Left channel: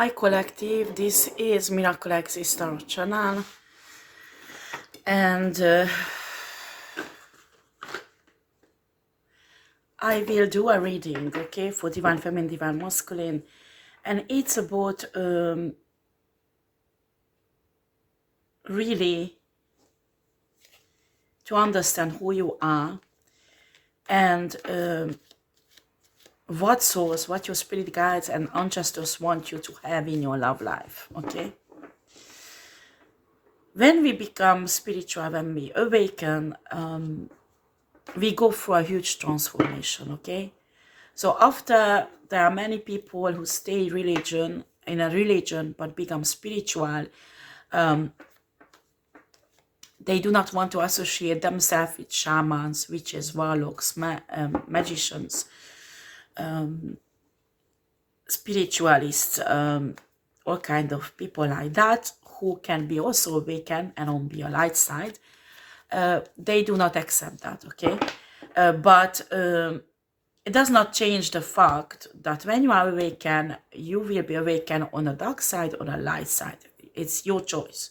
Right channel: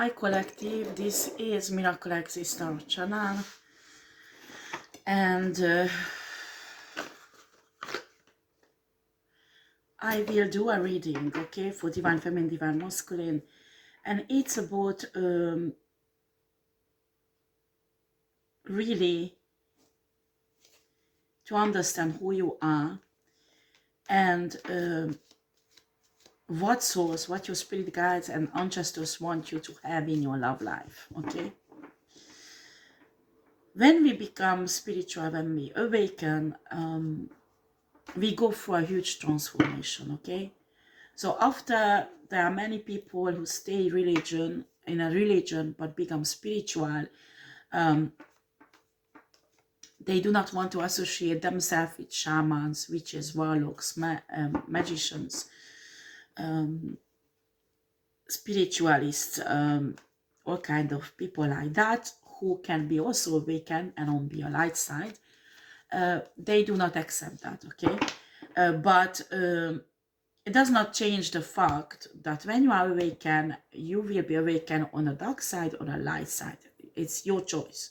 Hi collective, this is miraclexistetarot channel, and I will do a reading, okay, for divine feminine, divine masculine, and it's about really to understand who you are and what source, what your spirit guides and ancestors want you to have in your love life, okay? When we become spiritual, when we awaken, we go through a huge transformation, okay? So after there are many people who stay in a religion but become spiritual, they do not want to associate themselves with shamans, witches, warlocks, magicians, spiritualists, all kind of people like that who can be also awakened and on your light side. They do not accept that, okay? But it does not change the fact that when you are awakened, you will be awakened on a dark side or a light side. It's your choice.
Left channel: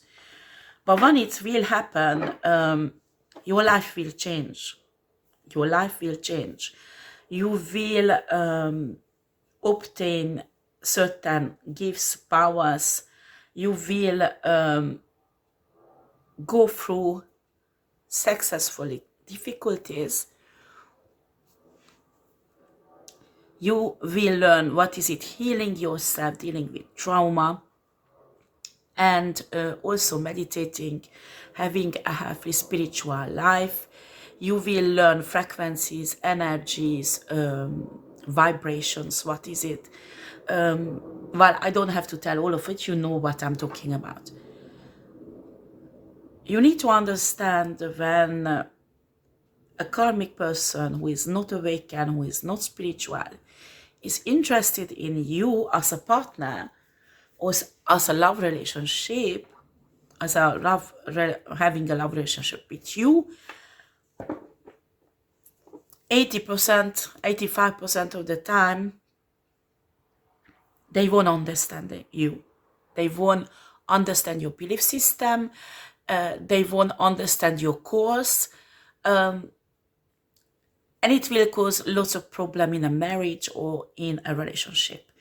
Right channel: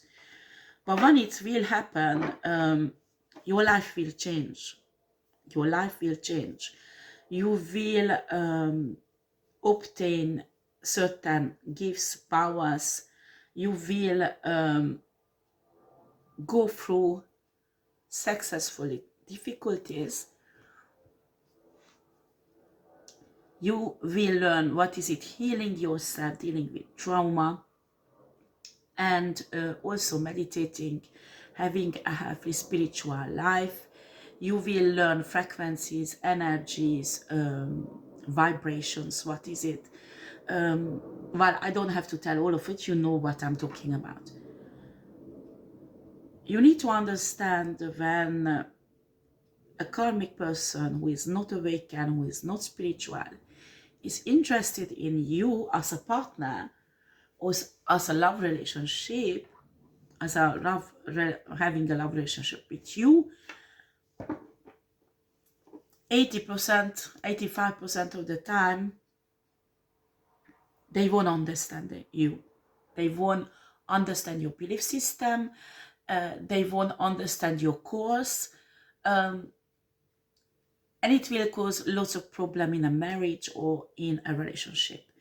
But when it will happen, your life will change. Your life will change. You will obtain certain gifts, powers. You will go through successfully difficulties. You will learn what is it, healing yourself, dealing with trauma, and also meditating, having a healthy spiritual life. You will learn frequencies, energies, vibrations, what is it? Well, I don't have to tell all of it, you know what I'm talking about. You need to understand when a karmic person who is not awakened, who is not spiritual, is interested in you as a partner or as a love relationship, having a love relationship with you, 80%, 85% of the time, they won't understand you. They won't understand your belief system. They won't understand your course. And it will cause lots of problem in a marriage or in a relationship.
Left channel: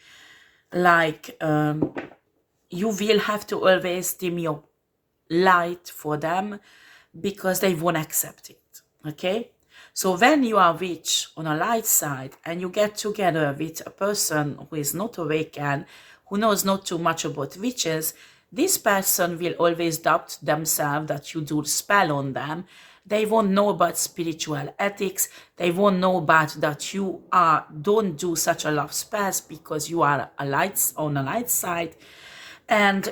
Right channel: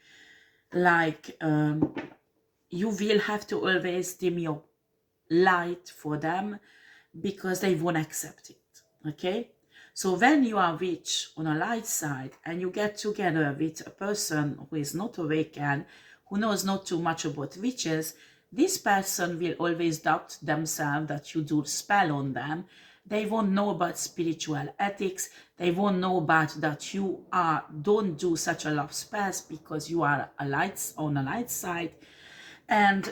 Like, you will have to always dim your light for them because they won't accept it, okay? So when you are witch on a light side and you get together with a person who is not awakened, who knows not too much about witches, this person will always doubt themselves that you do spell on them. They won't know about spiritual ethics. They won't know about that you don't do such a love spells because you are on a light side. And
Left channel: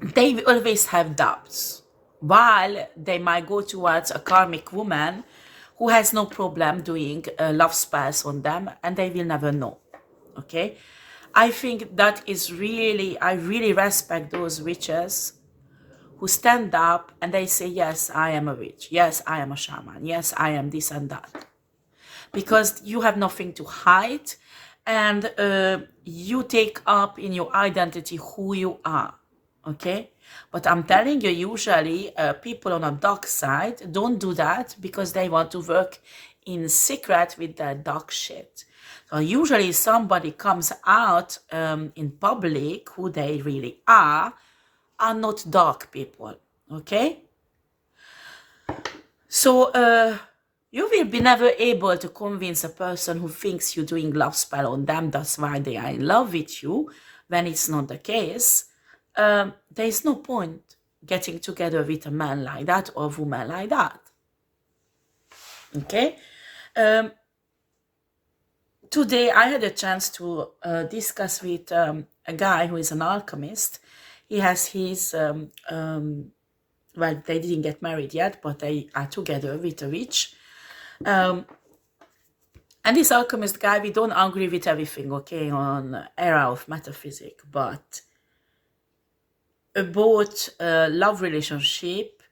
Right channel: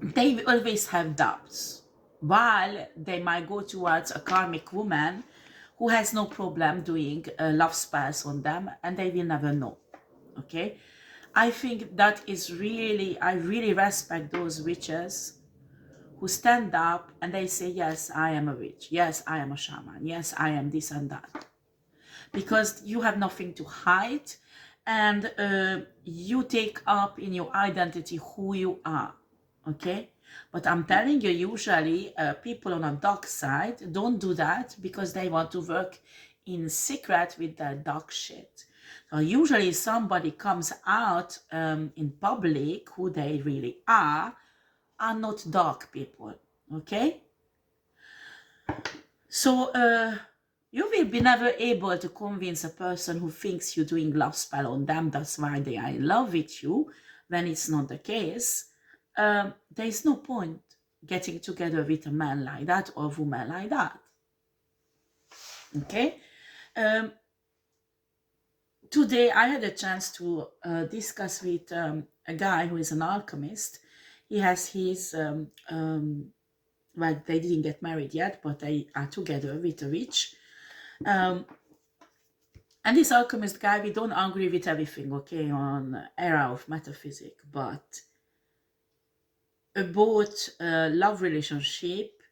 they always have doubts, while they might go towards a karmic woman who has no problem doing love spells on them, and they will never know, okay? I think that is really, I really respect those witches who stand up and they say, yes, I am a witch, yes, I am a shaman, yes, I am this and that, because you have nothing to hide, and you take up in your identity who you are, okay? But I'm telling you, usually people on a dark side don't do that because they want to work in secret with their dark shit. So usually somebody comes out in public who they really are not dark people, okay? So you will be never able to convince a person who thinks you're doing love spell on them, that's why they are in love with you, when it's not the case. There is no point getting together with a man like that or a woman like that, okay? Today I had a chance to discuss with a guy who is an alchemist. He has his well, they didn't get married yet, but they are together with a witch. And this alchemist guy, we don't agree with everything, okay, on era of metaphysics, but about love relationship,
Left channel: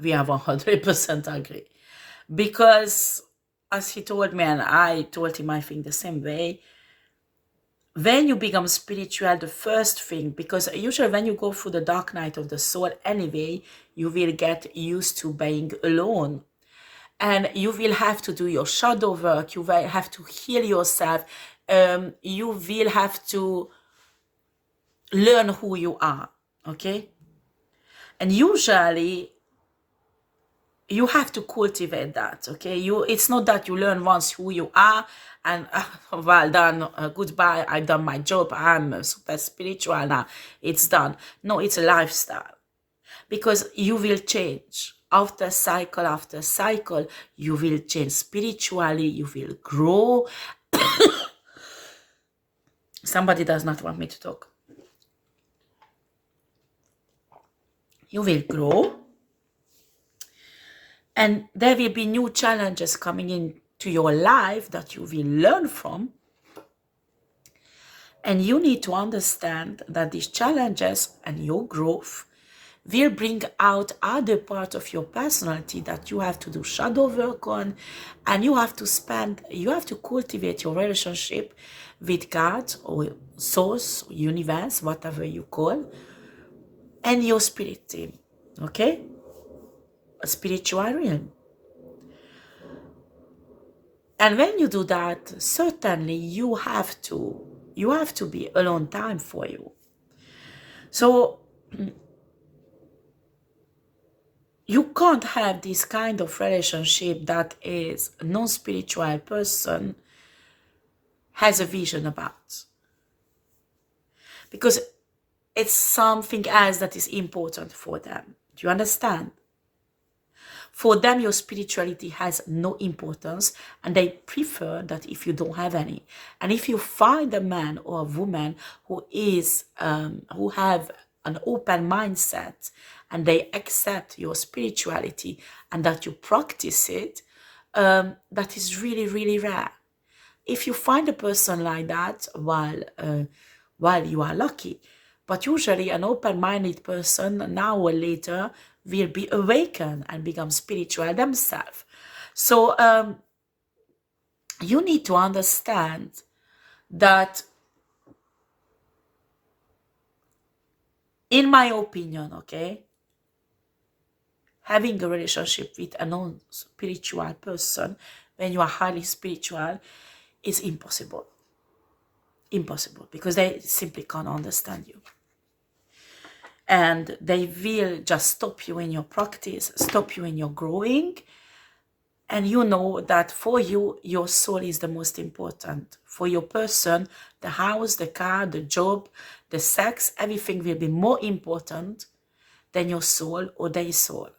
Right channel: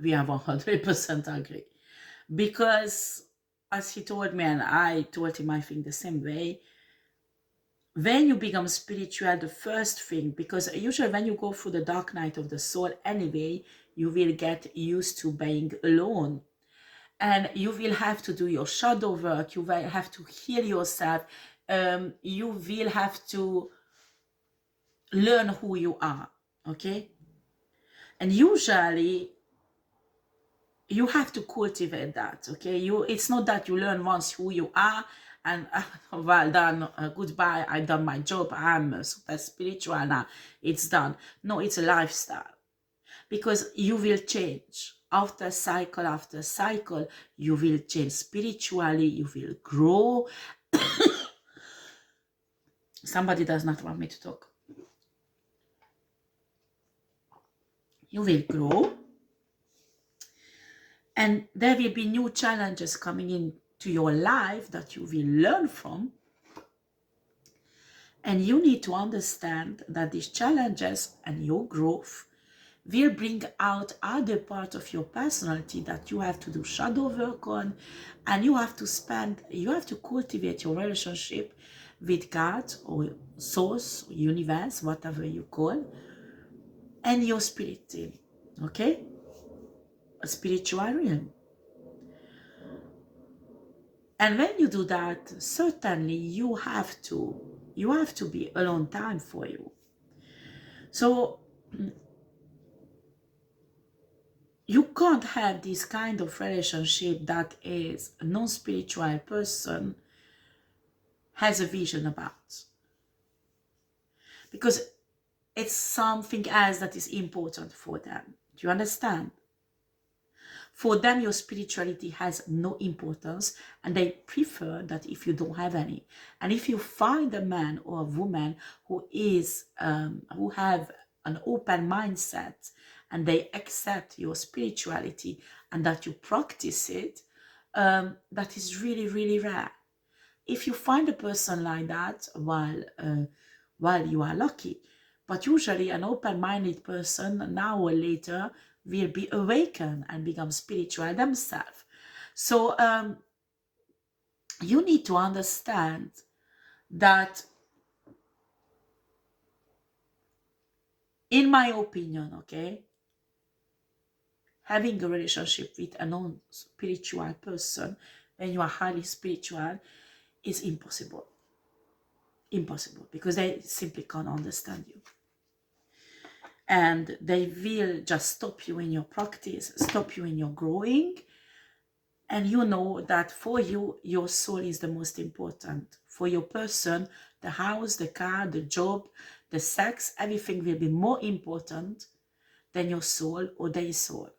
we have 100% agree. Because, as he told me, and I told him I think the same way, when you become spiritual, the first thing, because usually when you go through the dark night of the soul anyway, you will get used to being alone. And you will have to do your shadow work. You will have to heal yourself. You will have to learn who you are, okay? And usually you have to cultivate that, okay? It's not that you learn once who you are and well done, goodbye, I've done my job, I'm super spiritual now, it's done. No, it's a lifestyle, because you will change after cycle, you will change spiritually, you will grow. Somebody does not want me to talk. You will grow, and there will be new challenges coming into your life that you will learn from. And you need to understand that these challenges and your growth will bring out other parts of your personality that you have to do shadow work on, and you have to cultivate your relationship with God or source, universe, whatever you call, and your spirit team, okay? A spiritual realm. And when you do that, certainly you have to be alone time for you. So you can't have this kind of relationship that is a non-spiritual person has a vision about, because it's something else that is important for them. Do you understand? For them, your spirituality has no importance, and they prefer that if you don't have any. And if you find a man or a woman who have an open mindset, and they accept your spirituality and that you practice it, that is really, really rare. If you find a person like that, while you are lucky. But usually an open-minded person now or later will be awakened and become spiritual themselves. So you need to understand that, in my opinion, okay, having a relationship with a non-spiritual person when you are highly spiritual is impossible. Impossible, because they simply can't understand you. And they will just stop you in your practice, stop you in your growing. And you know that for you, your soul is the most important. For your person, the house, the car, the job, the sex, everything will be more important than your soul or their soul.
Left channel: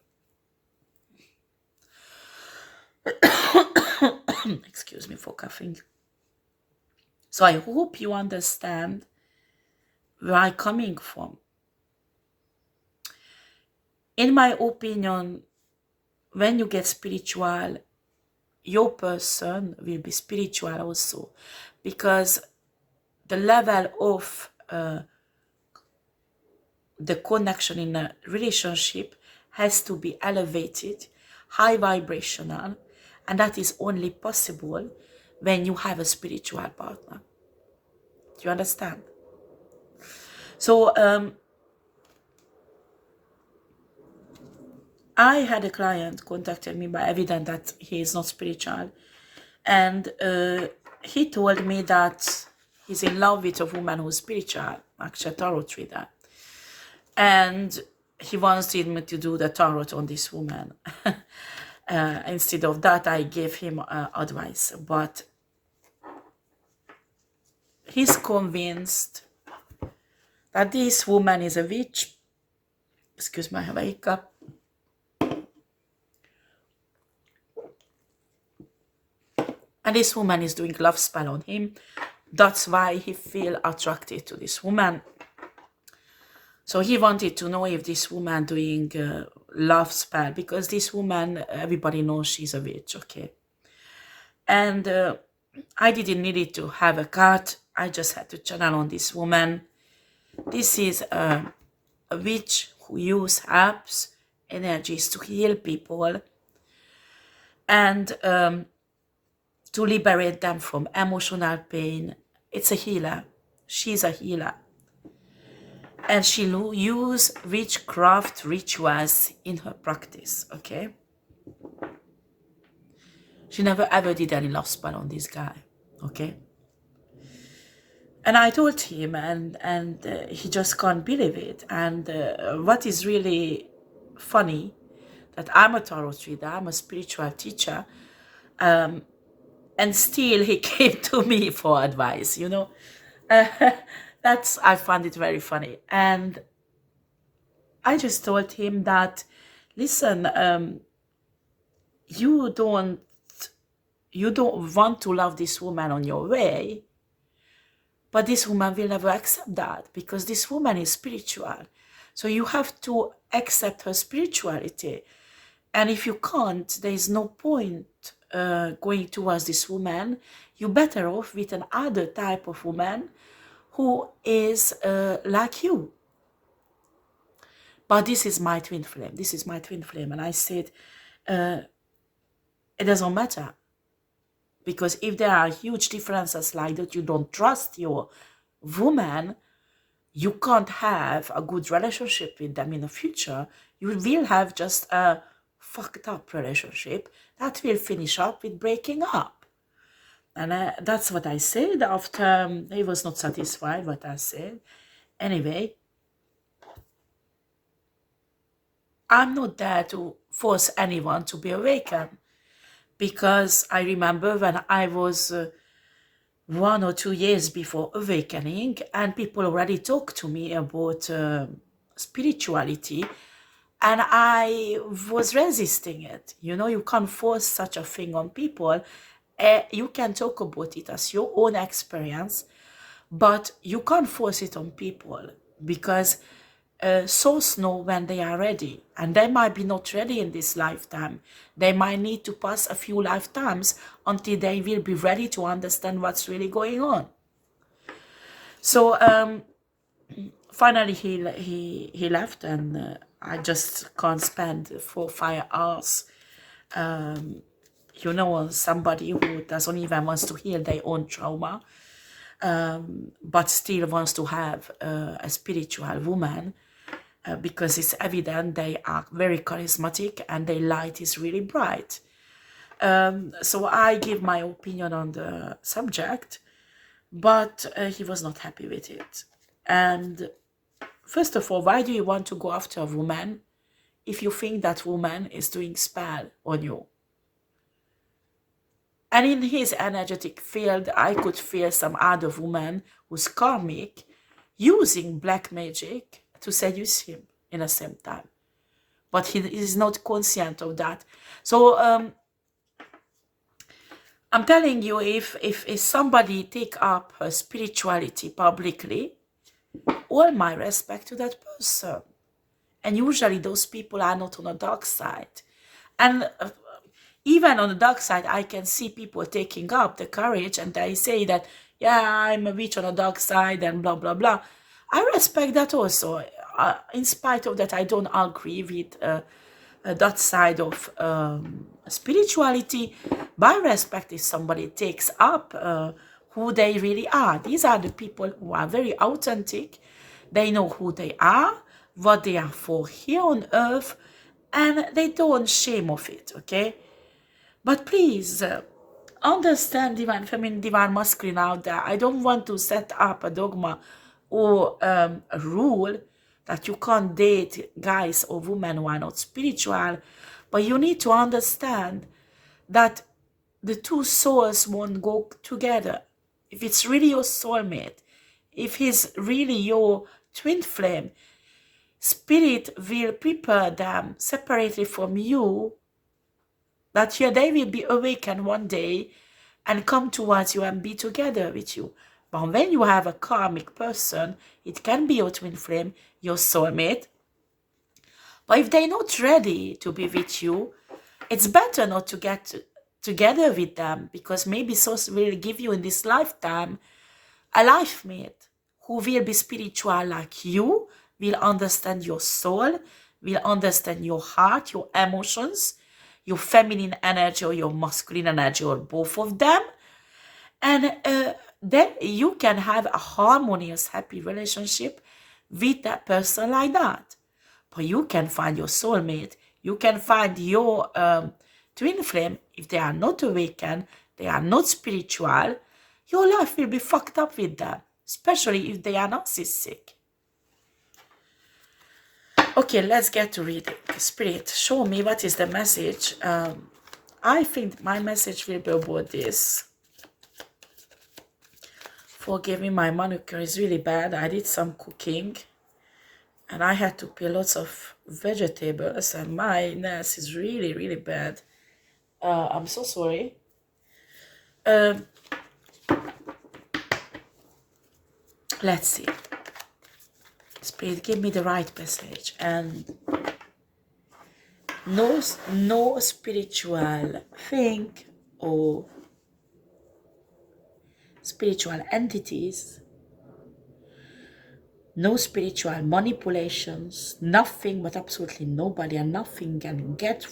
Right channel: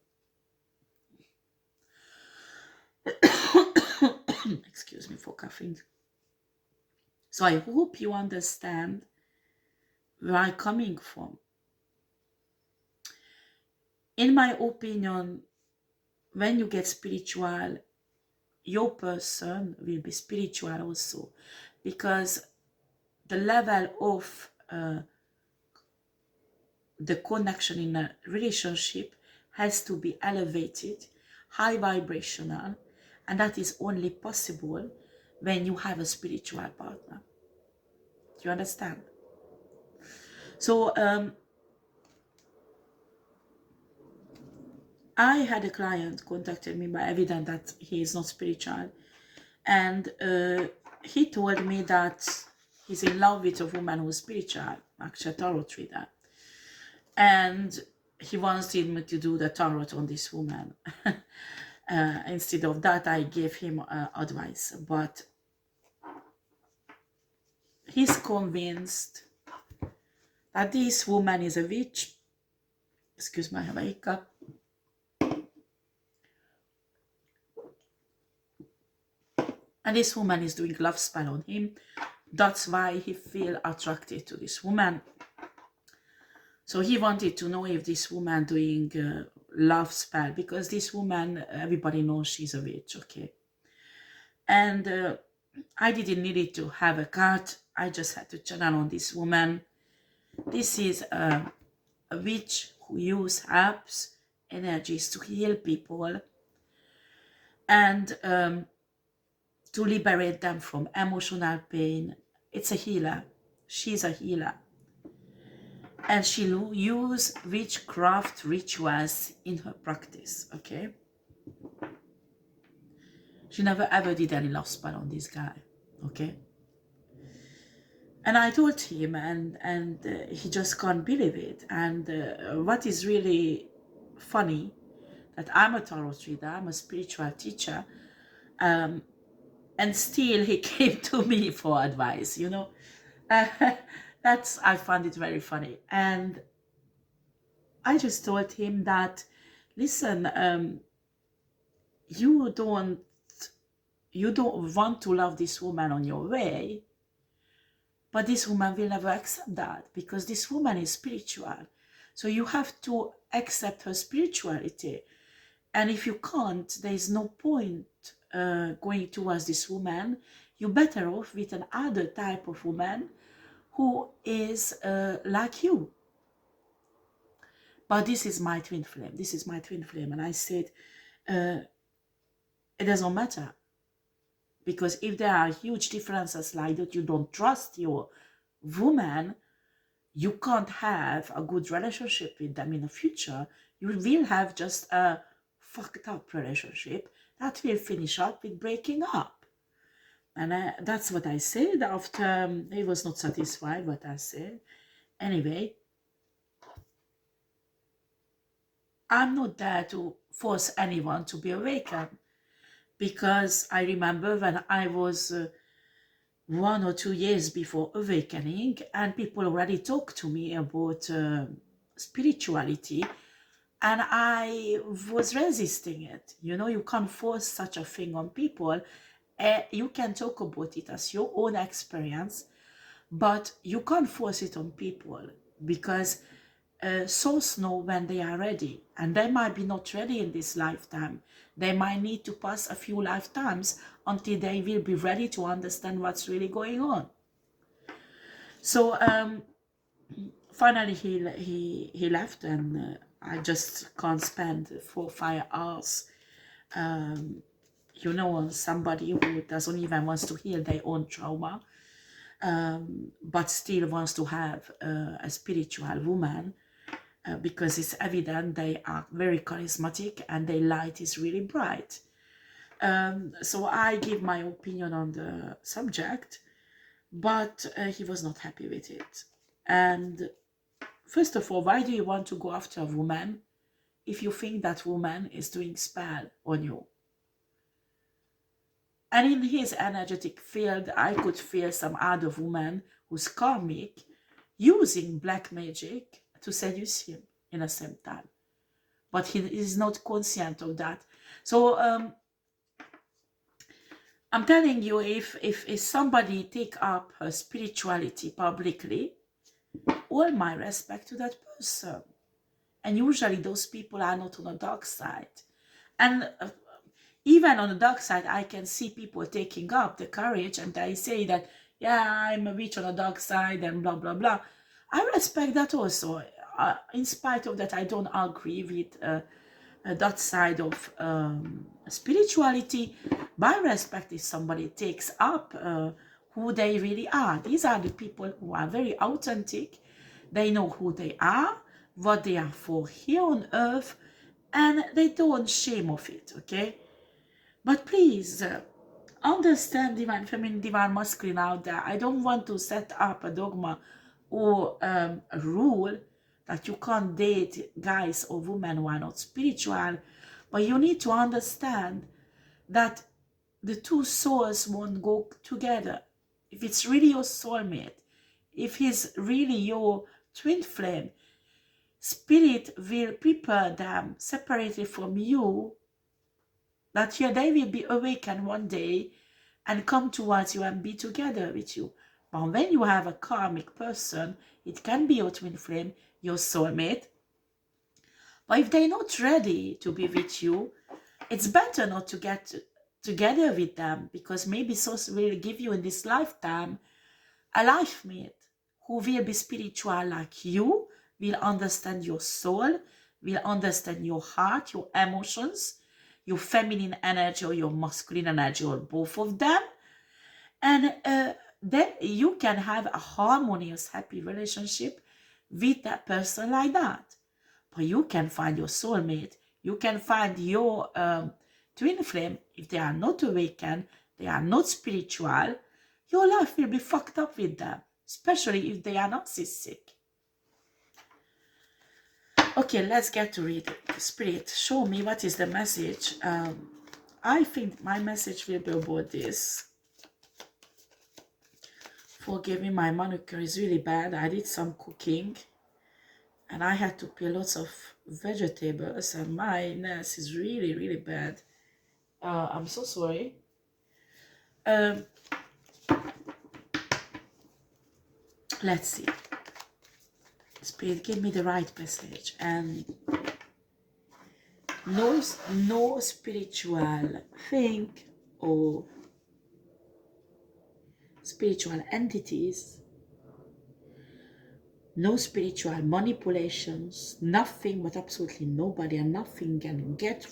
Excuse me for coughing. So I hope you understand where I'm coming from. In my opinion, when you get spiritual, your person will be spiritual also, because the level of the connection in a relationship has to be elevated, high vibrational, and that is only possible when you have a spiritual partner. Do you understand? So I had a client contacted me by evident that he is not spiritual, and he told me that he's in love with a woman who's spiritual, actually a tarot reader, and he wanted me to do the tarot on this woman. Instead of that, I gave him advice, but he's convinced that this woman is a witch. Excuse my hiccup. And this woman is doing love spell on him. That's why he feel attracted to this woman. So he wanted to know if this woman doing love spell, because this woman, everybody knows she's a witch, okay? And I didn't need it to have a card. I just had to channel on this woman. This is a witch who use herbs, energies to heal people and to liberate them from emotional pain. It's a healer. She's a healer. And she use witchcraft rituals in her practice, okay? She never ever did any love spell on this guy, okay? And I told him, and he just can't believe it. And what is really funny, that I'm a tarot reader, I'm a spiritual teacher, and still he came to me for advice, you know? I found it very funny. And I just told him that, listen, you don't want to love this woman on your way, but this woman will never accept that, because this woman is spiritual. So you have to accept her spirituality. And if you can't, there is no point going towards this woman. You're better off with another type of woman who is like you. But this is my twin flame. This is my twin flame. And I said, it doesn't matter. Because if there are huge differences like that, you don't trust your woman, you can't have a good relationship with them in the future. You will have just a fucked up relationship that will finish up with breaking up. And that's what I said after he was not satisfied what I said. Anyway, I'm not there to force anyone to be awakened, because I remember when I was 1 or 2 years before awakening, and people already talked to me about spirituality, and I was resisting it. You know, you can't force such a thing on people. You can talk about it as your own experience, but you can't force it on people, because souls know when they are ready, and they might be not ready in this lifetime. They might need to pass a few lifetimes until they will be ready to understand what's really going on. So finally he left, and I just can't spend 4 or 5 hours you know, on somebody who doesn't even want to heal their own trauma, but still wants to have a spiritual woman, because it's evident they are very charismatic and their light is really bright. So I give my opinion on the subject, but he was not happy with it. And first of all, why do you want to go after a woman if you think that woman is doing spell on you? And in his energetic field, I could feel some other woman who's karmic using black magic to seduce him in the same time. But he is not conscient of that. So I'm telling you, if somebody take up her spirituality publicly, all my respect to that person. And usually those people are not on the dark side. And even on the dark side, I can see people taking up the courage, and they say that, yeah, I'm a witch on the dark side and blah, blah, blah. I respect that also. In spite of that, I don't agree with that side of spirituality. But I respect if somebody takes up who they really are. These are the people who are very authentic. They know who they are, what they are for here on earth, and they don't shame of it, okay? But please, understand divine feminine, divine masculine out there. I don't want to set up a dogma or a rule that you can't date guys or women who are not spiritual. But you need to understand that the two souls won't go together. If it's really your soulmate, if he's really your twin flame, spirit will prepare them separately from you, that here they will be awakened one day and come towards you and be together with you. But when you have a karmic person, it can be your twin flame, your soulmate. But if they're not ready to be with you, it's better not to get together with them, because maybe souls will give you in this lifetime a life mate who will be spiritual like you, will understand your soul, will understand your heart, your emotions, your feminine energy or your masculine energy, or both of them. And then you can have a harmonious, happy relationship with that person like that. But you can find your soulmate, you can find your twin flame. If they are not awakened, they are not spiritual, your life will be fucked up with them, especially if they are narcissistic. Okay, let's get to reading. Spirit, show me what is the message. I think my message will be about this. Forgive me, my manicure is really bad. I did some cooking and I had to peel lots of vegetables and my nails is really, really bad. I'm so sorry. Let's see. Spirit, give me the right message. And no spiritual thing or spiritual entities, no spiritual manipulations, nothing, but absolutely nobody and nothing can get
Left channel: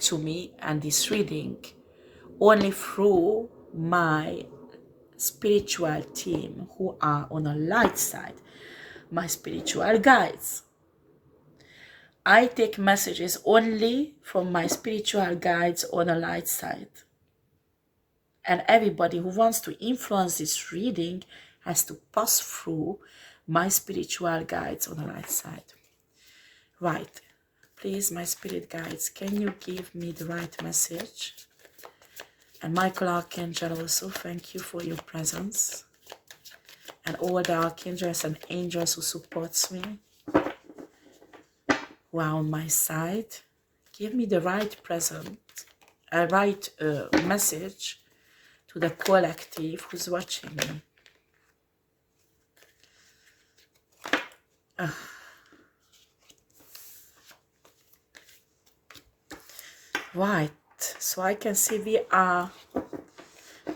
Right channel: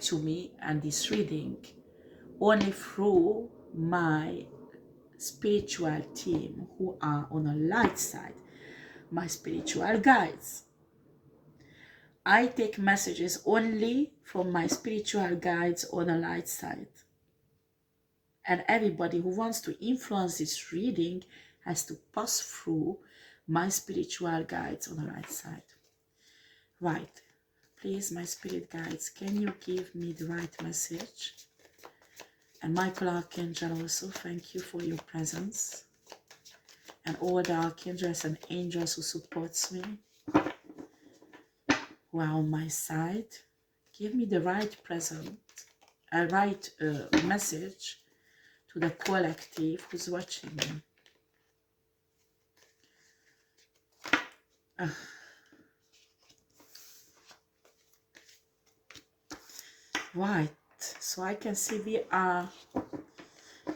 to me and this reading only through my spiritual team who are on a light side, my spiritual guides. I take messages only from my spiritual guides on a light side. And everybody who wants to influence this reading has to pass through my spiritual guides on the right side. Right. Please, my spirit guides, can you give me the right message? And Michael Archangel also, thank you for your presence. And all the archangels and angels who supports me, who are on my side, give me the right message to the collective who's watching me. Right, so I can see we are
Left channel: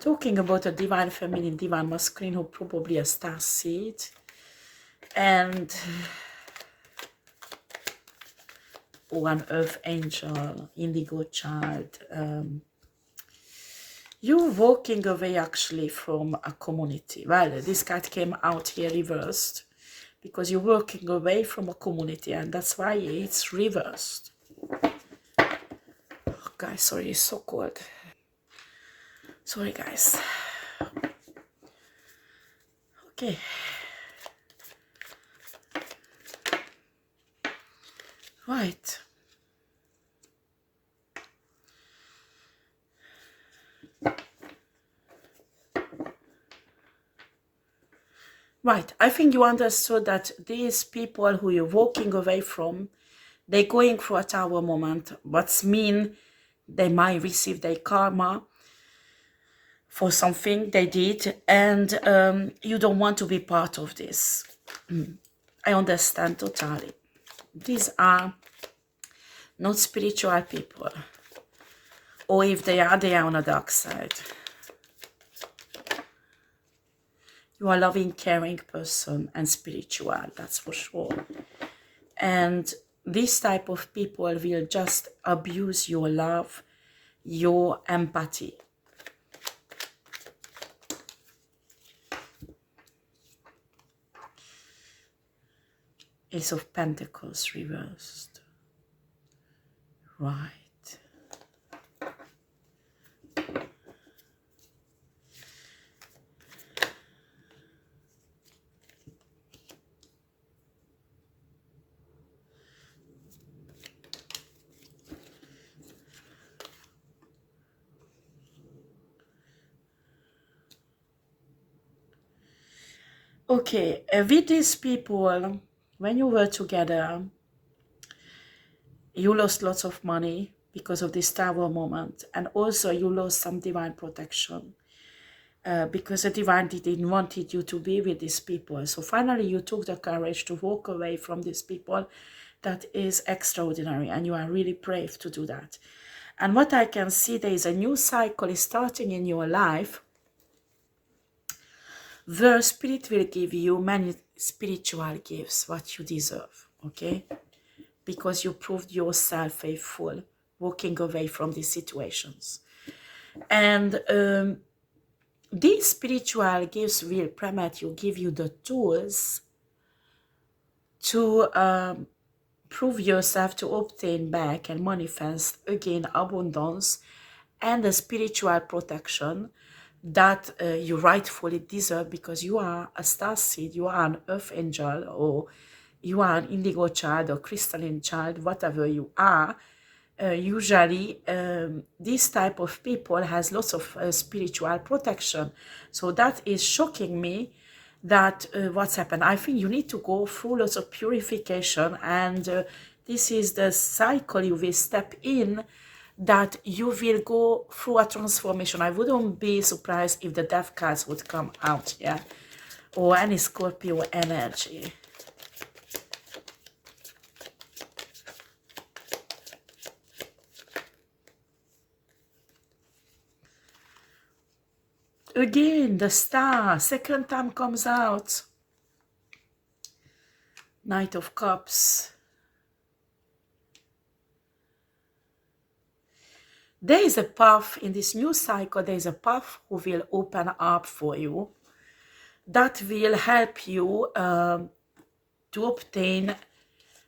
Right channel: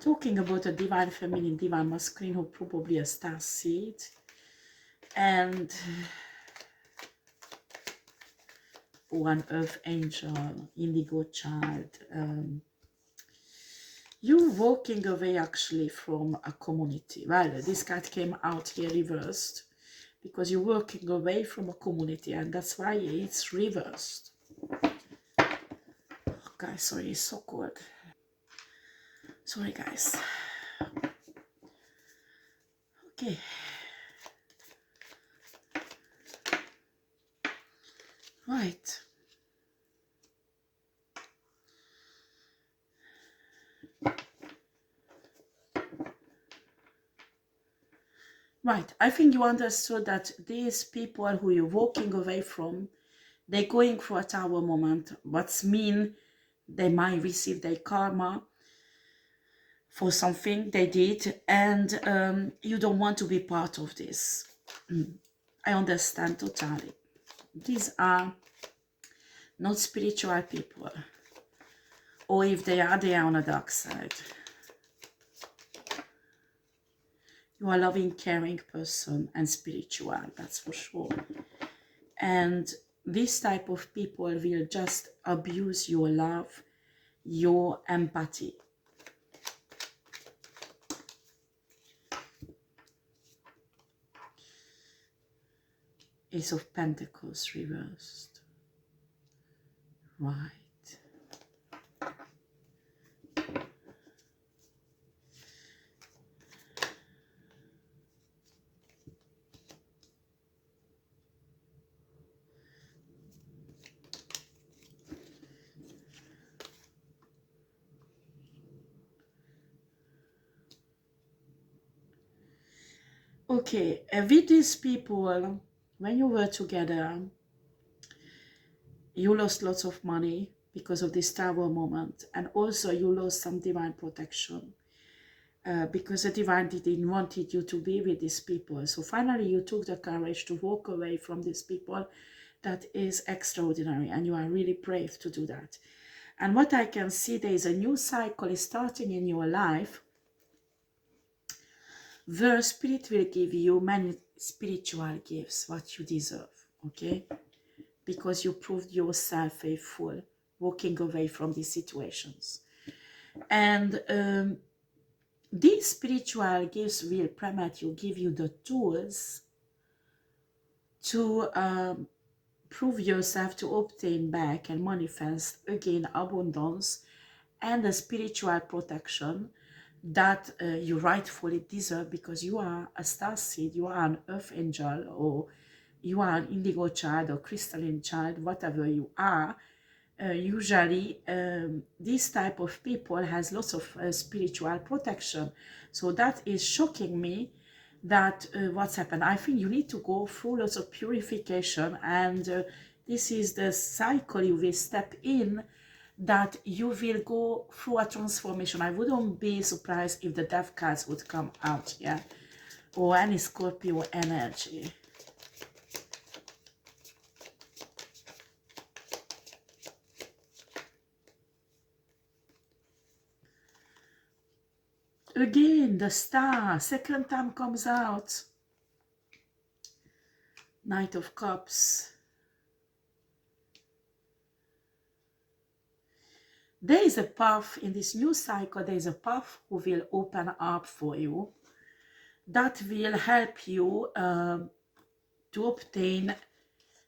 talking about a divine feminine, divine masculine who probably a star seed and one earth angel, indigo child. You're walking away actually from a community. Well, this card came out here reversed because you're walking away from a community and that's why it's reversed. Oh, guys, sorry, it's so cold. Sorry, guys. Okay. Right. Right. I think you understood that these people who you're walking away from, they're going through a tower moment, but mean they might receive their karma for something they did, and you don't want to be part of this. I understand totally. These are not spiritual people, or if they are on the dark side. You are a loving, caring person and spiritual, that's for sure. And this type of people will just abuse your love, your empathy. Ace of Pentacles reversed. Right. Okay, with these people, when you were together, you lost lots of money because of this tower moment, and also you lost some divine protection because the divine didn't wanted you to be with these people. So finally you took the courage to walk away from these people. That is extraordinary, and you are really brave to do that. And what I can see, there is a new cycle is starting in your life where Spirit will give you many spiritual gifts, what you deserve, okay? Because you proved yourself faithful, walking away from these situations. And This spiritual gifts will permit you, give you the tools to prove yourself, to obtain back and manifest again abundance and the spiritual protection that you rightfully deserve, because you are a star seed, you are an earth angel, or you are an indigo child or crystalline child, whatever you are. Usually this type of people has lots of spiritual protection. So that is shocking me, that what's happened. I think you need to go through lots of purification, and this is the cycle you will step in, that you will go through a transformation. I wouldn't be surprised if the death cards would come out, yeah, or any Scorpio energy. Again, the star, second time comes out. Knight of Cups. There is a path in this new cycle, there is a path who will open up for you that will help you to obtain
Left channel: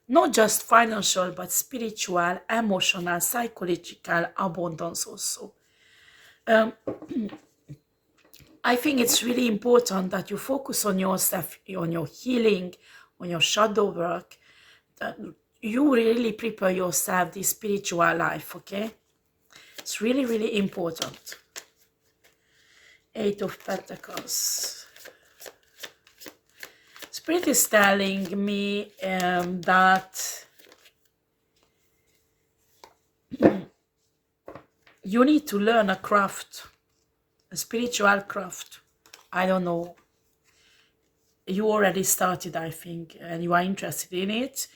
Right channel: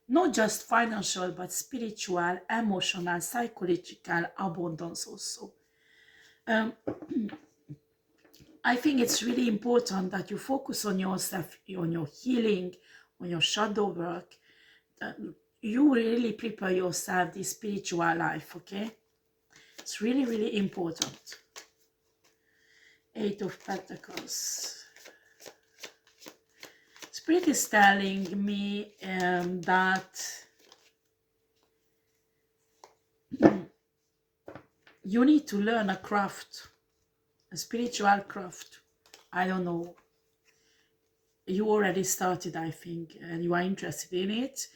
not just financial, but spiritual, emotional, psychological abundance also. I think it's really important that you focus on yourself, on your healing, on your shadow work, that you really prepare yourself this spiritual life, okay? It's really, really important. Eight of Pentacles. Spirit is telling me that you need to learn a craft, a spiritual craft. I don't know. You already started, I think, and you are interested in it.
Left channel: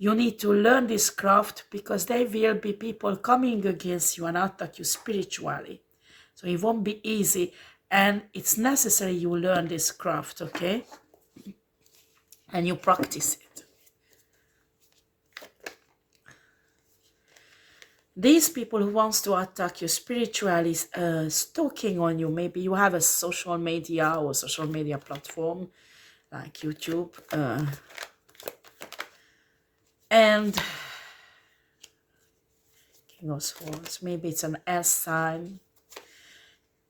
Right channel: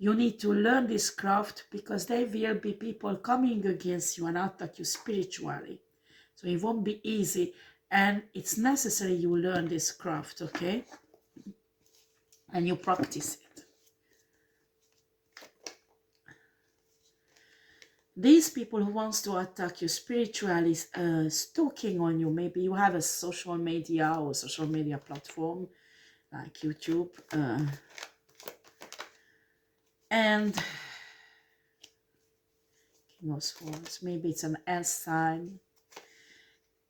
You need to learn this craft, because there will be people coming against you and attack you spiritually. So it won't be easy, and it's necessary you learn this craft, okay? And you practice it. These people who wants to attack you spiritually, stalking on you. Maybe you have a social media or social media platform like YouTube. And King of Swords, maybe it's an S sign.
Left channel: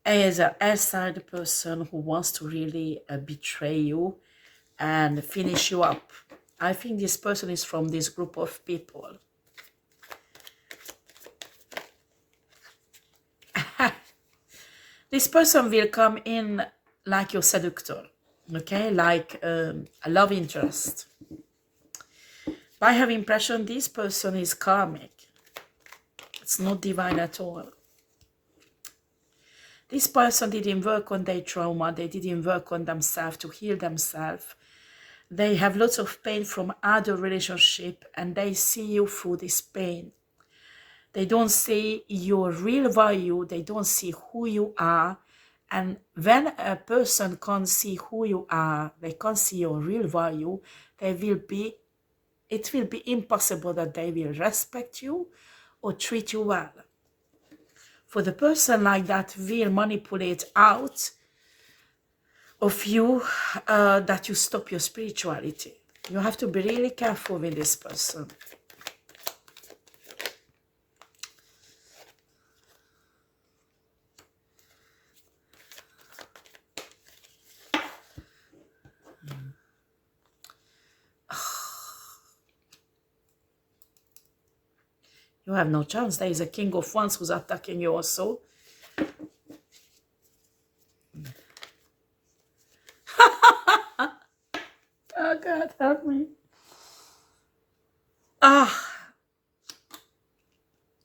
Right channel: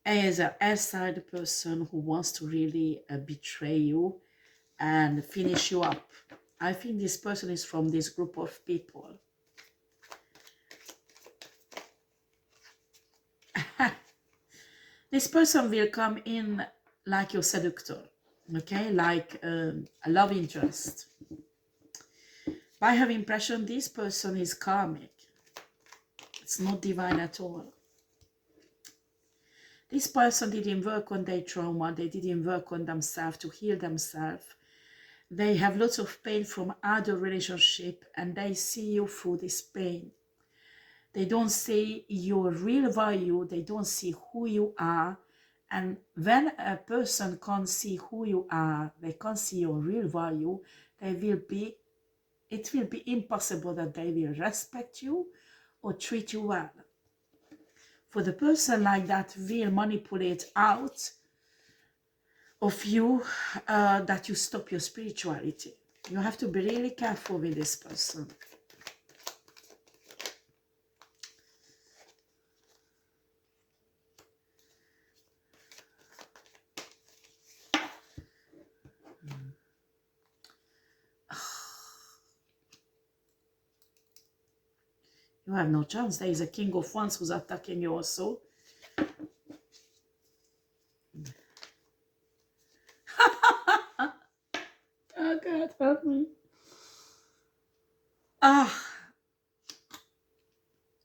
As an S sign person who wants to really betray you and finish you up. I think this person is from this group of people. This person will come in like your seductor, okay, like a love interest. I have impression this person is karmic. It's not divine at all. This person didn't work on their trauma. They didn't work on themselves to heal themselves. They have lots of pain from other relationship, and they see you through this pain. They don't see your real value. They don't see who you are. And when a person can't see who you are, they can't see your real value, it will be impossible that they will respect you or treat you well. For the person like that will manipulate out of you that you stop your spirituality. You have to be really careful with this person. You have no chance. There is a King of Wands who's attacking you also. Oh God, help me.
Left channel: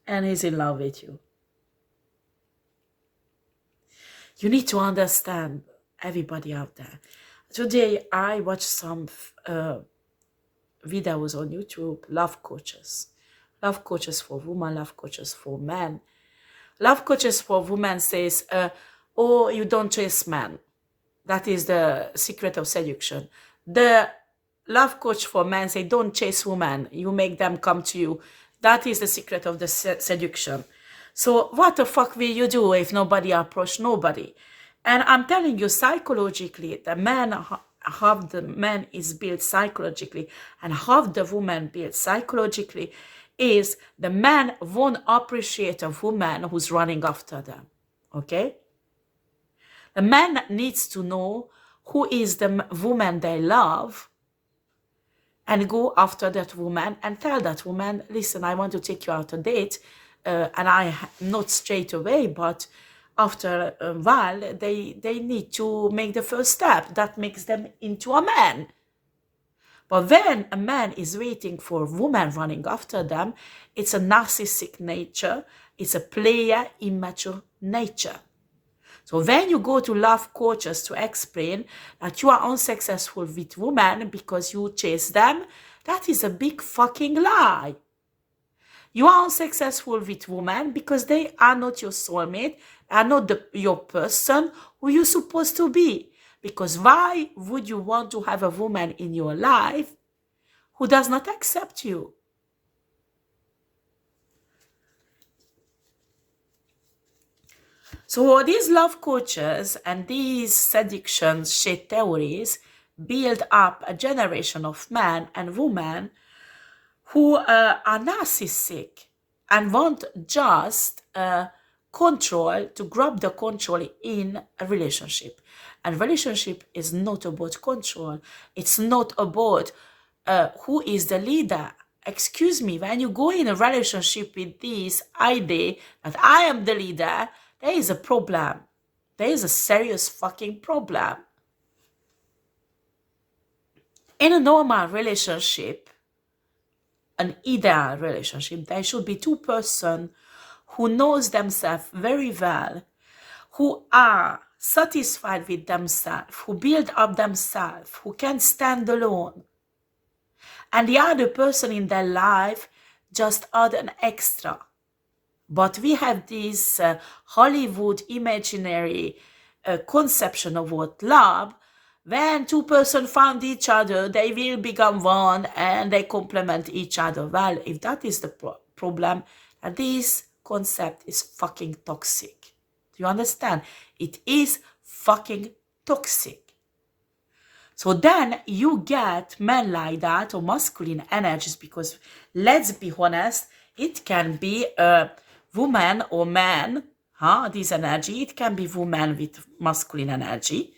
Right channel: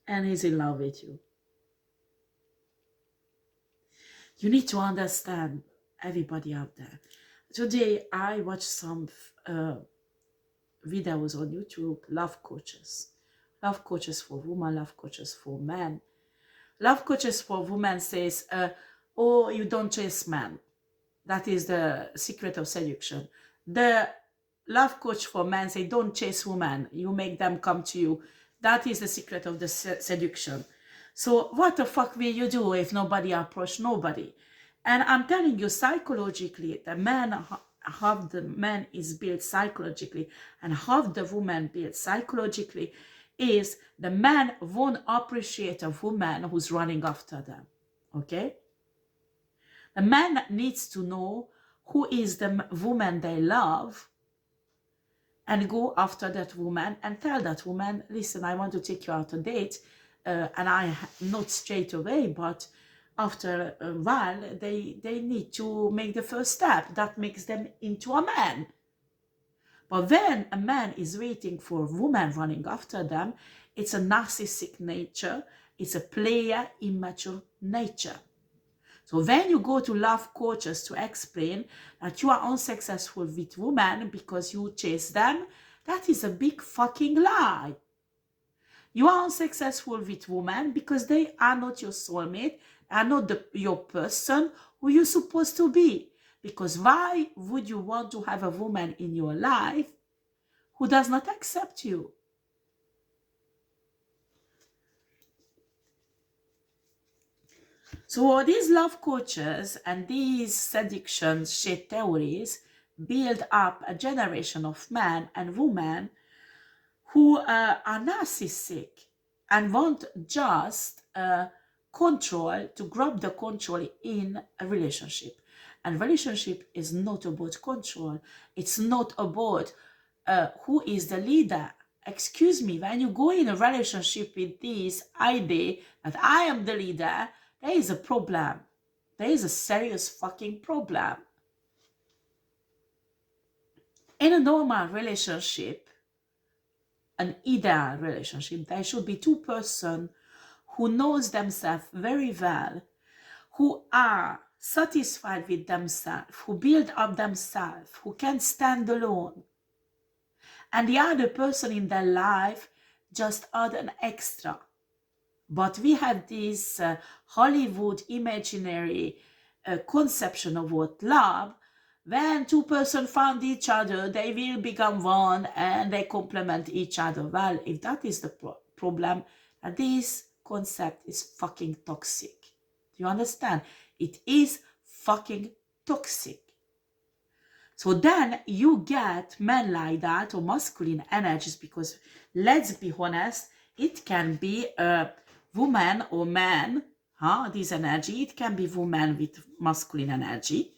And he's in love with you. You need to understand, everybody out there. Today I watched some videos on YouTube, love coaches. Love coaches for women, love coaches for men. Love coaches for women says, oh, you don't chase men. That is the secret of seduction. The love coach for men say, don't chase women. You make them come to you. That is the secret of the seduction. So what the fuck will you do if nobody approach nobody? And I'm telling you, psychologically, the man, half the man is built psychologically and half the woman built psychologically, is the man won't appreciate a woman who's running after them. Okay? The man needs to know who is the woman they love and go after that woman and tell that woman, listen, I want to take you out on a date. And not straight away, but after a while, they need to make the first step. That makes them into a man. But when a man is waiting for a woman running after them, it's a narcissistic nature. It's a player, immature nature. So when you go to love coaches to explain that you are unsuccessful with women because you chase them, that is a big fucking lie. You are unsuccessful with women because they are not your soulmate, are not your person who you're supposed to be. Because why would you want to have a woman in your life who does not accept you? So these love coaches and these seduction shit theories build up a generation of men and women who are narcissistic and want just control, to grab the control in a relationship. And relationship is not about control. It's not about who is the leader. Excuse me, when you go in a relationship with this idea that I am the leader, there is a problem. There is a serious fucking problem. In a normal relationship, an ideal relationship, there should be two persons who knows themselves very well, who are satisfied with themselves, who build up themselves, who can stand alone. And the other person in their life just add an extra. But we have this Hollywood imaginary conception of what love. When two persons found each other, they will become one and they complement each other. Well, if that is the problem, this concept is fucking toxic. Do you understand? It is fucking toxic. So then you get men like that, or masculine energies, because let's be honest, it can be a woman or man, this energy. It can be woman with masculine energy.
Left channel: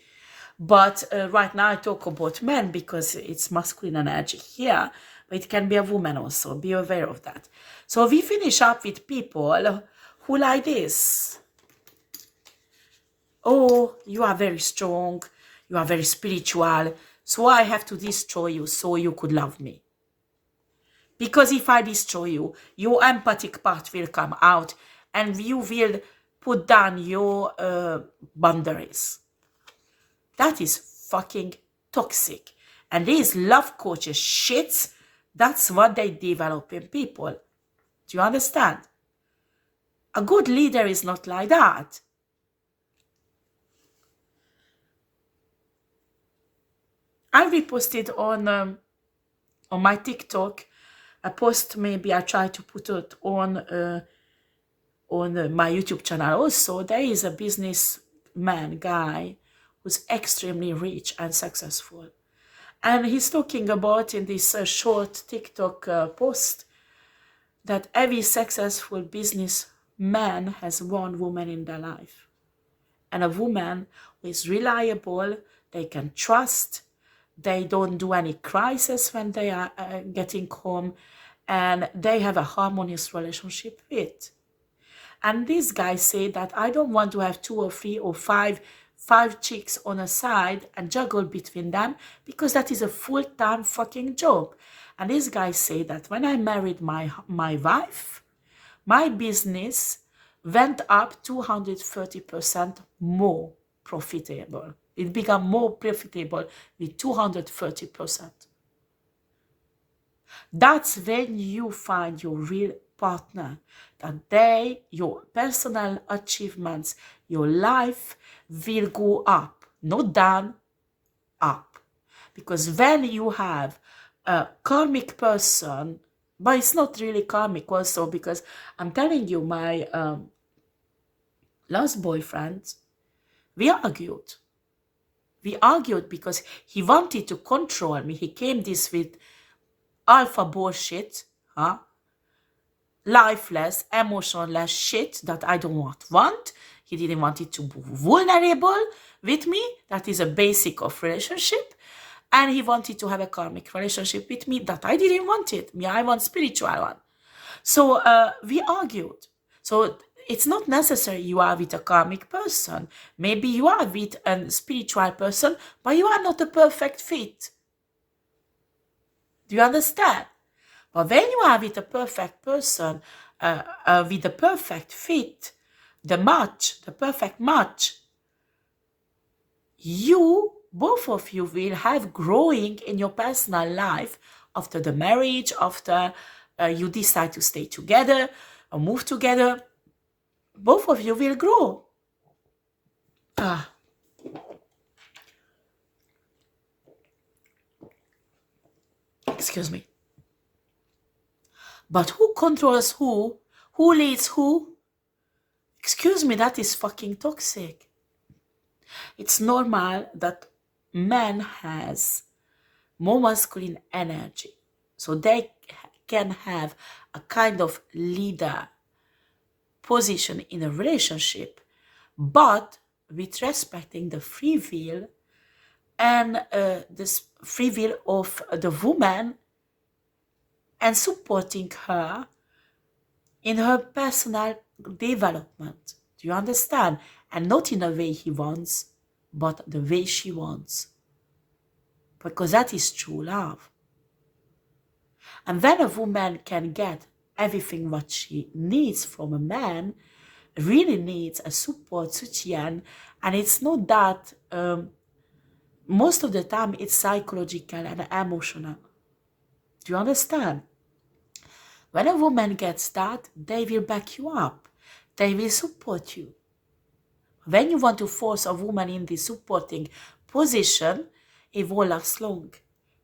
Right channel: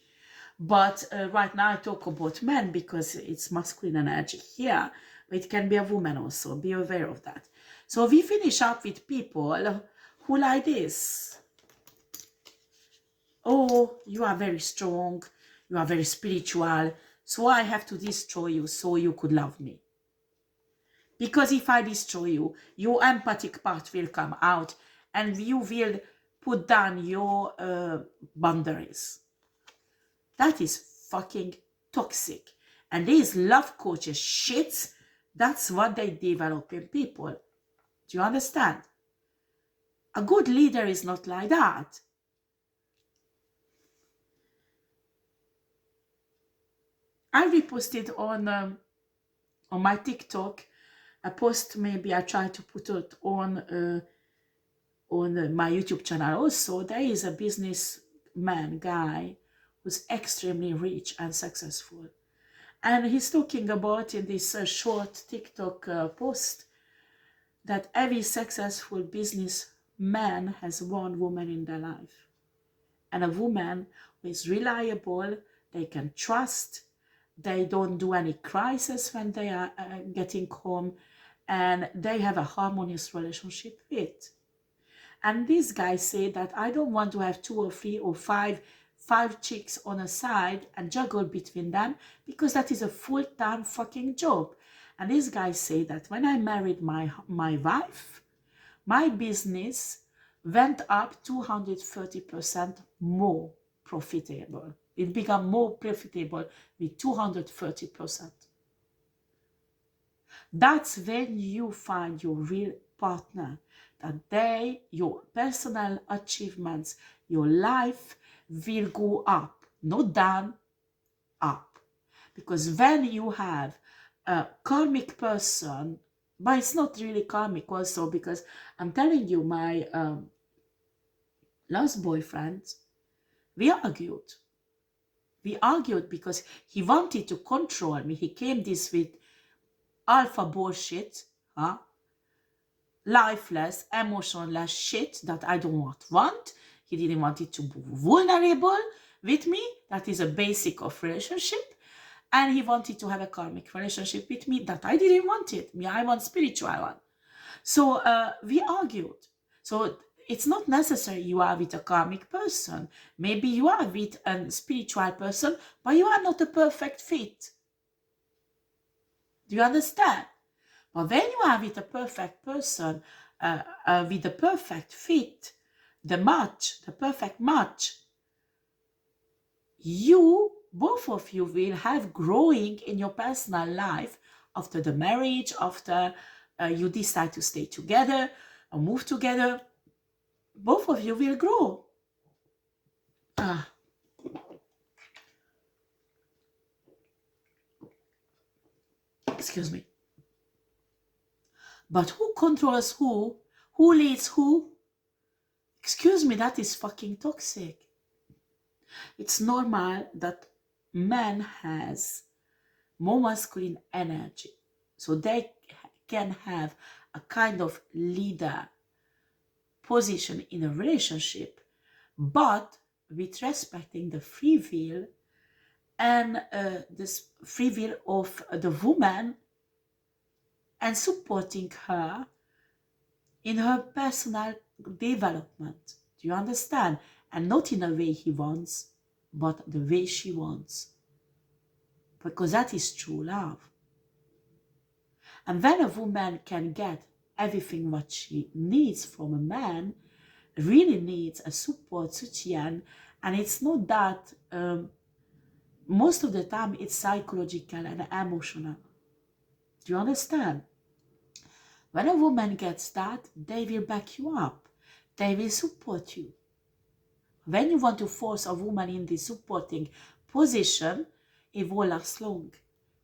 But right now I talk about men because it's masculine energy here. But it can be a woman also. Be aware of that. So we finish up with people who like this. Oh, you are very strong. You are very spiritual. So I have to destroy you so you could love me. Because if I destroy you, your empathic part will come out and you will put down your boundaries. That is fucking toxic. And these love coaches shits, that's what they develop in people. Do you understand? A good leader is not like that. I reposted on my TikTok a post. Maybe I try to put it on my YouTube channel also. There is a businessman guy who's extremely rich and successful. And he's talking about in this short TikTok post that every successful businessman has one woman in their life. And a woman who is reliable, they can trust, they don't do any crisis when they are getting home, and they have a harmonious relationship with. And this guy said that I don't want to have 2 or 3 or 5 chicks on a side and juggle between them, because that is a full-time fucking job. And this guy said that when I married my wife, my business went up 230% more profitable. It became more profitable with 230%. That's when you find your real partner, that your personal achievements, your life will go up, not down, up. Because when you have a karmic person, but it's not really karmic also, because I'm telling you, my last boyfriend, We argued. We argued because he wanted to control me. He came this with alpha bullshit, huh? Lifeless, emotionless shit that I don't want. He didn't want it to be vulnerable with me. That is a basic of relationship. And he wanted to have a karmic relationship with me that I didn't want it. Me, I want spiritual one. So we argued. So it's not necessary you are with a karmic person. Maybe you are with a spiritual person, but you are not a perfect fit. Do you understand? But when you are with a perfect person, with a perfect fit, the perfect match, both of you will have growing in your personal life after the marriage, after you decide to stay together or move together. Both of you will grow. Excuse me. But who controls who? Who leads who? Excuse me, that is fucking toxic. It's normal that man has more masculine energy. So they can have a kind of leader position in a relationship, but with respecting the free will and this free will of the woman and supporting her in her personal development. Do you understand? And not in a way he wants, but the way she wants. Because that is true love. And when a woman can get everything what she needs from a man, really needs a support, soutien, and it's not that, most of the time it's psychological and emotional. Do you understand? When a woman gets that, they will back you up. They will support you. When you want to force a woman in this supporting position, it won't last long.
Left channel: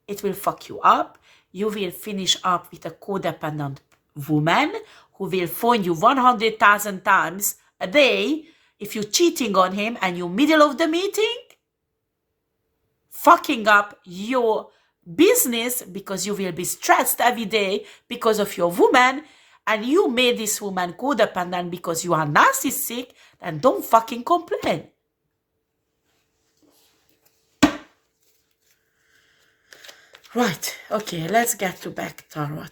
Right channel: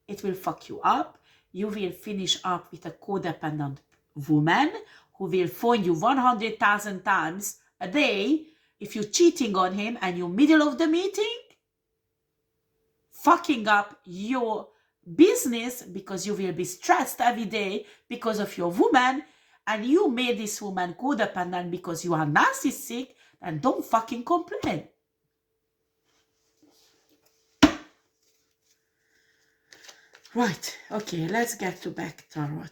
It will fuck you up. You will finish up with a codependent woman who will phone you 100,000 times a day if you're cheating on him and you're middle of the meeting, fucking up your business because you will be stressed every day because of your woman, and you made this woman codependent because you are narcissistic, and don't fucking complain. Right, okay, let's get to back tarot.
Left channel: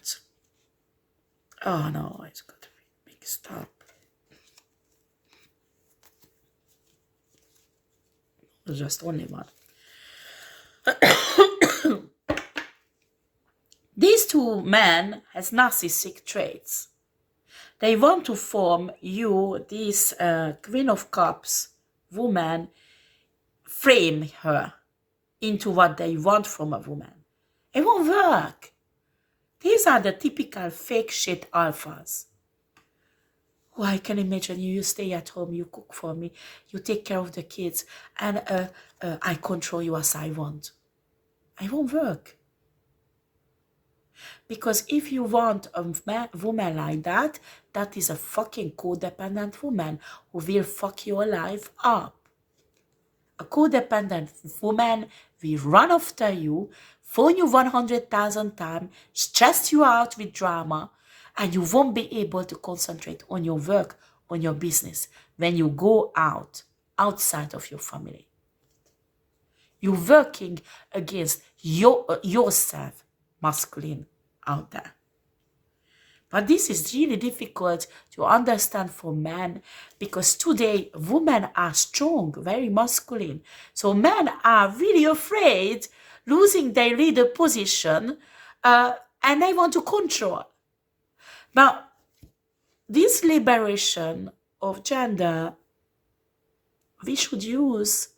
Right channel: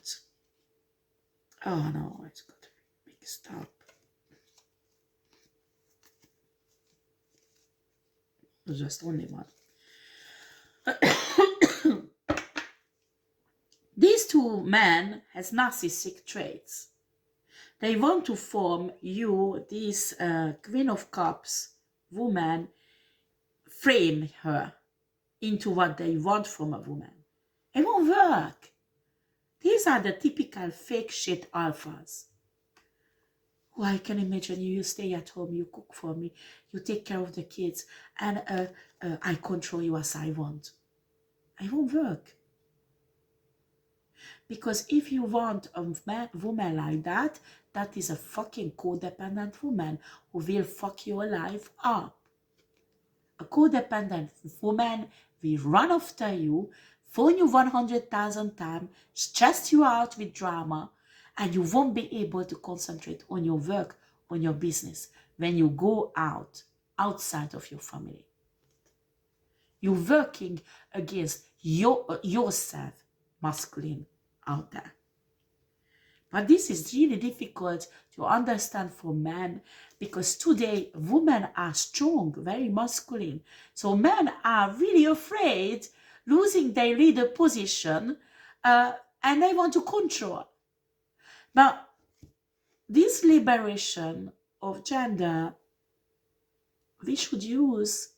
Oh no, it's got to be mixed up. There's just only one. These two men has narcissistic traits. They want to form you, this Queen of Cups woman, frame her into what they want from a woman. It won't work. These are the typical fake shit alphas. Oh, I can imagine you stay at home, you cook for me, you take care of the kids, and I control you as I want. It won't work. Because if you want a woman like that, that is a fucking codependent woman who will fuck your life up. A codependent woman will run after you, phone you 100,000 times, stress you out with drama, and you won't be able to concentrate on your work, on your business, when you go outside of your family. You're working against yourself, masculine, out there. But this is really difficult to understand for men, because today women are strong, very masculine. So men are really afraid losing their leader position, and they want to control. But this liberation of gender, we should use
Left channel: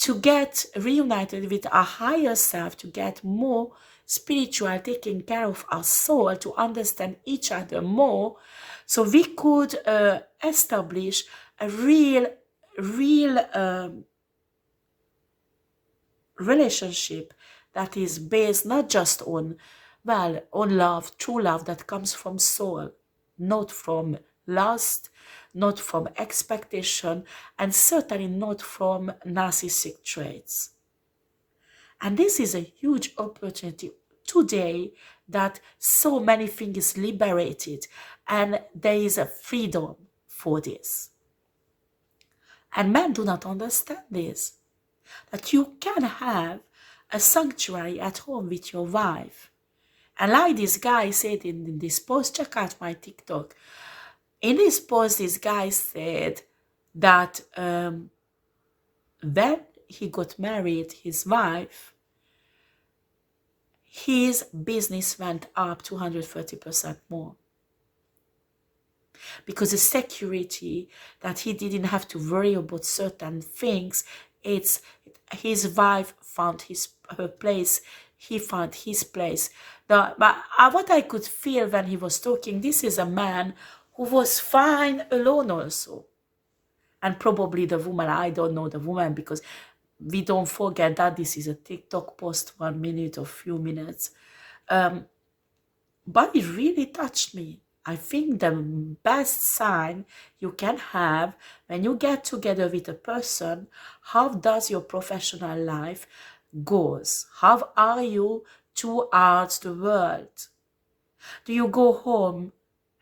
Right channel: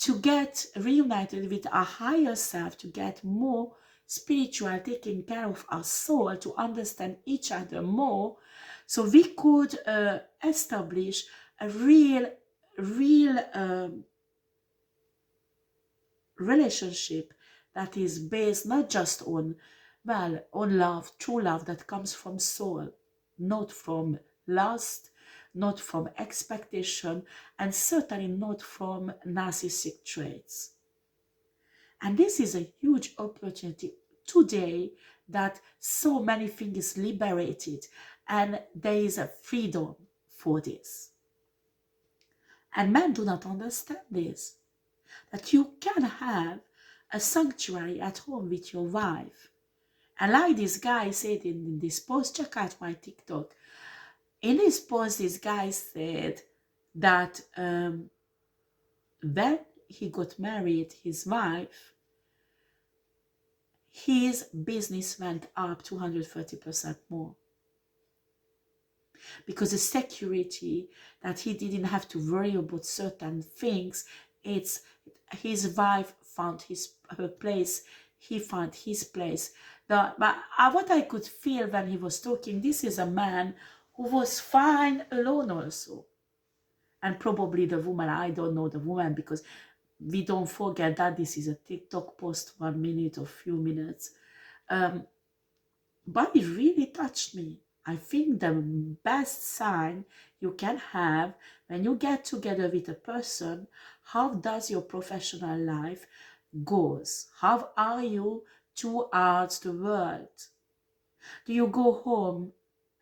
to get reunited with our higher self, to get more spiritual, taking care of our soul, to understand each other more, so we could establish a real relationship that is based not just on love, true love that comes from soul, not from lust, not from expectation, and certainly not from narcissistic traits. And this is a huge opportunity today that so many things liberated and there is a freedom for this. And men do not understand this, that you can have a sanctuary at home with your wife. And like this guy said in this post, check out my TikTok. In this post, this guy said that when he got married, his wife, his business went up 230% more. Because the security that he didn't have to worry about certain things, it's his wife found her place, he found his place. But what I could feel when he was talking, this is a man who was fine alone also. And probably the woman, I don't know the woman, because we don't forget that this is a TikTok post, 1 minute or few minutes. But it really touched me. I think the best sign you can have when you get together with a person, how does your professional life goes? How are you towards the world? Do you go home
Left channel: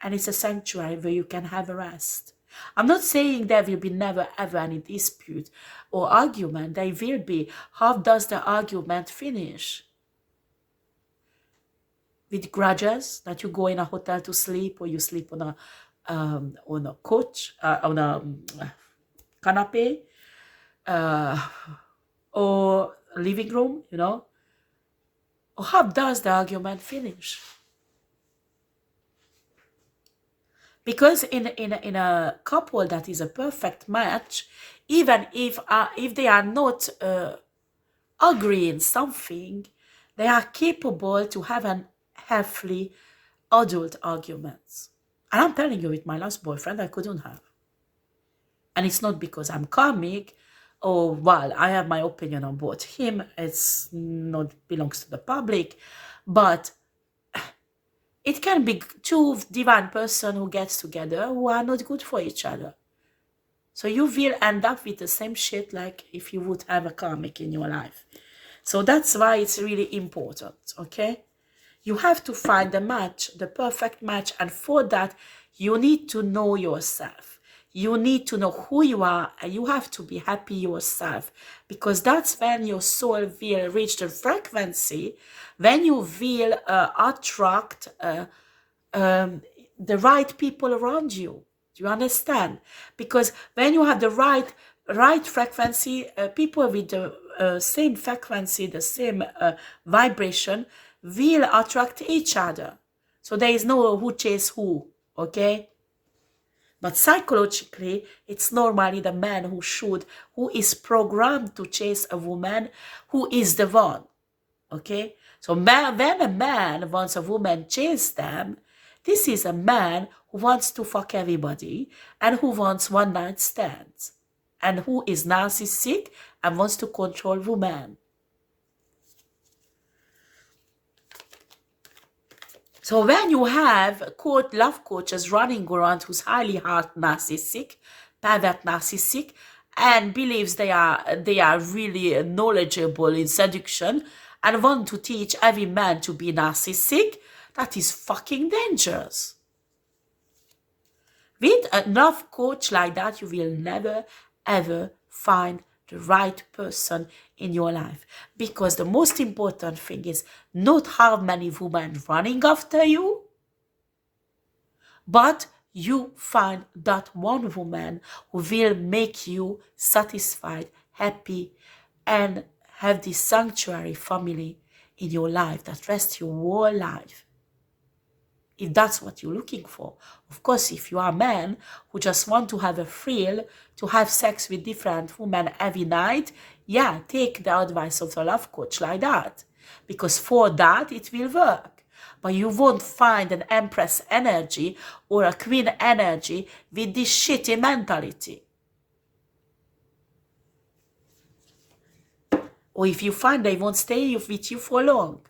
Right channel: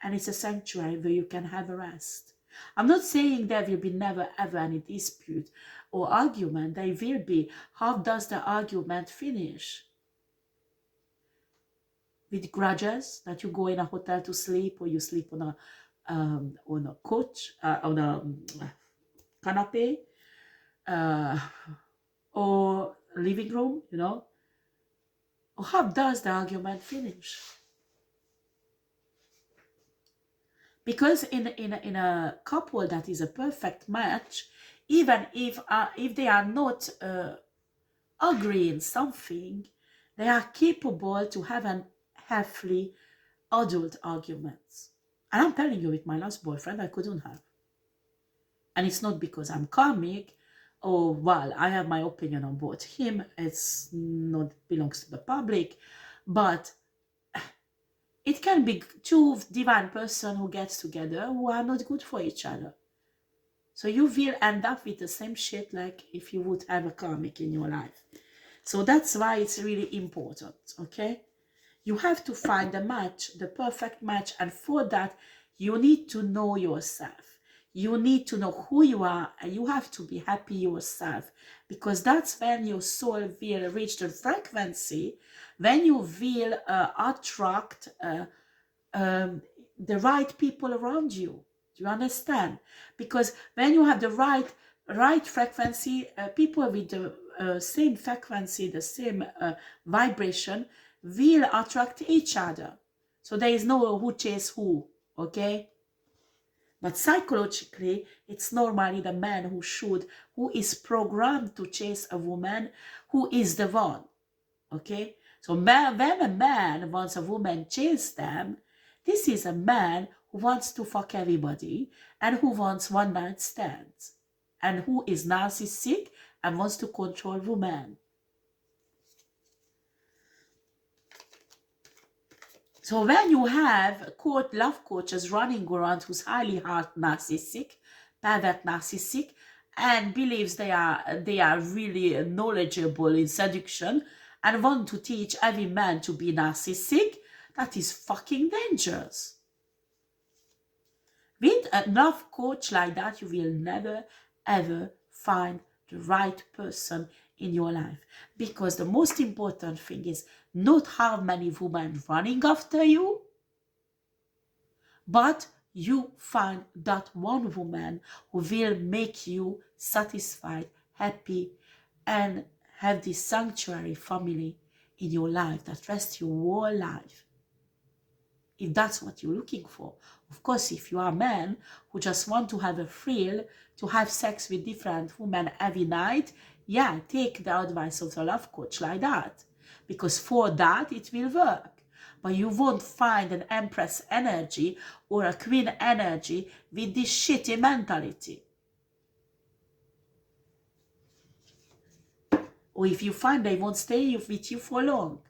and it's a sanctuary where you can have a rest? I'm not saying there will be never ever any dispute or argument. There will be. How does the argument finish? With grudges, that you go in a hotel to sleep, or you sleep on a couch, on a canapé, or living room, you know? Or how does the argument finish? Because in a couple that is a perfect match, even if they are not agreeing something, they are capable to have an healthy adult arguments. And I'm telling you, with my last boyfriend, I couldn't have. And it's not because I'm karmic, or, well, I have my opinion on both him. It's not belongs to the public, but it can be two divine person who gets together who are not good for each other. So you will end up with the same shit like if you would have a karmic in your life. So that's why it's really important, okay? You have to find the match, the perfect match, and for that, you need to know yourself. You need to know who you are, and you have to be happy yourself, because that's when your soul will reach the frequency, when you will attract the right people around you. Do you understand? Because when you have the right frequency, people with the same frequency, the same vibration, will attract each other. So there is no who chase who, okay? But psychologically, it's normally the man who is programmed to chase a woman who is the one, okay? So when a man wants a woman chase them, this is a man who wants to fuck everybody and who wants one-night stands and who is narcissistic and wants to control women. So when you have love coaches running around who's highly hard narcissistic, pervert narcissistic, and believes they are really knowledgeable in seduction and want to teach every man to be narcissistic, that is fucking dangerous. With a love coach like that, you will never ever find the right person in your life, because the most important thing is not how many women running after you, but you find that one woman who will make you satisfied, happy, and have this sanctuary family in your life that rests your whole life. If that's what you're looking for. Of course, if you are a man who just want to have a thrill, to have sex with different women every night, yeah, take the advice of the love coach like that. Because for that, it will work. But you won't find an empress energy or a queen energy with this shitty mentality. Or if you find they won't stay with you for long.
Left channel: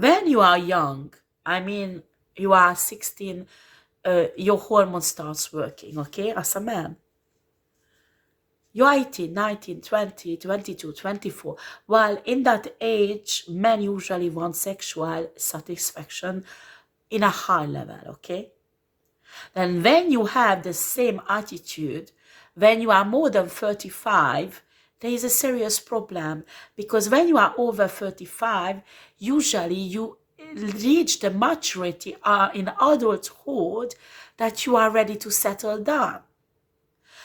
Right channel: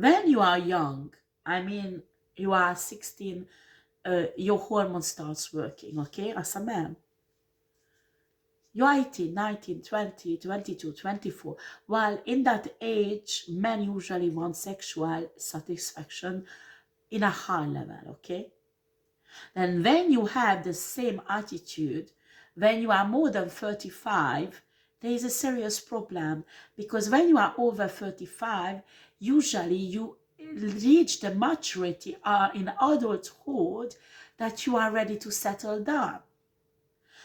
When you are young, I mean, you are 16, your hormone starts working, okay, as a man. You're 18, 19, 20, 22, 24. While in that age, men usually want sexual satisfaction in a high level, okay? Then when you have the same attitude, when you are more than 35, there is a serious problem, because when you are over 35, usually you reach the maturity in adulthood that you are ready to settle down.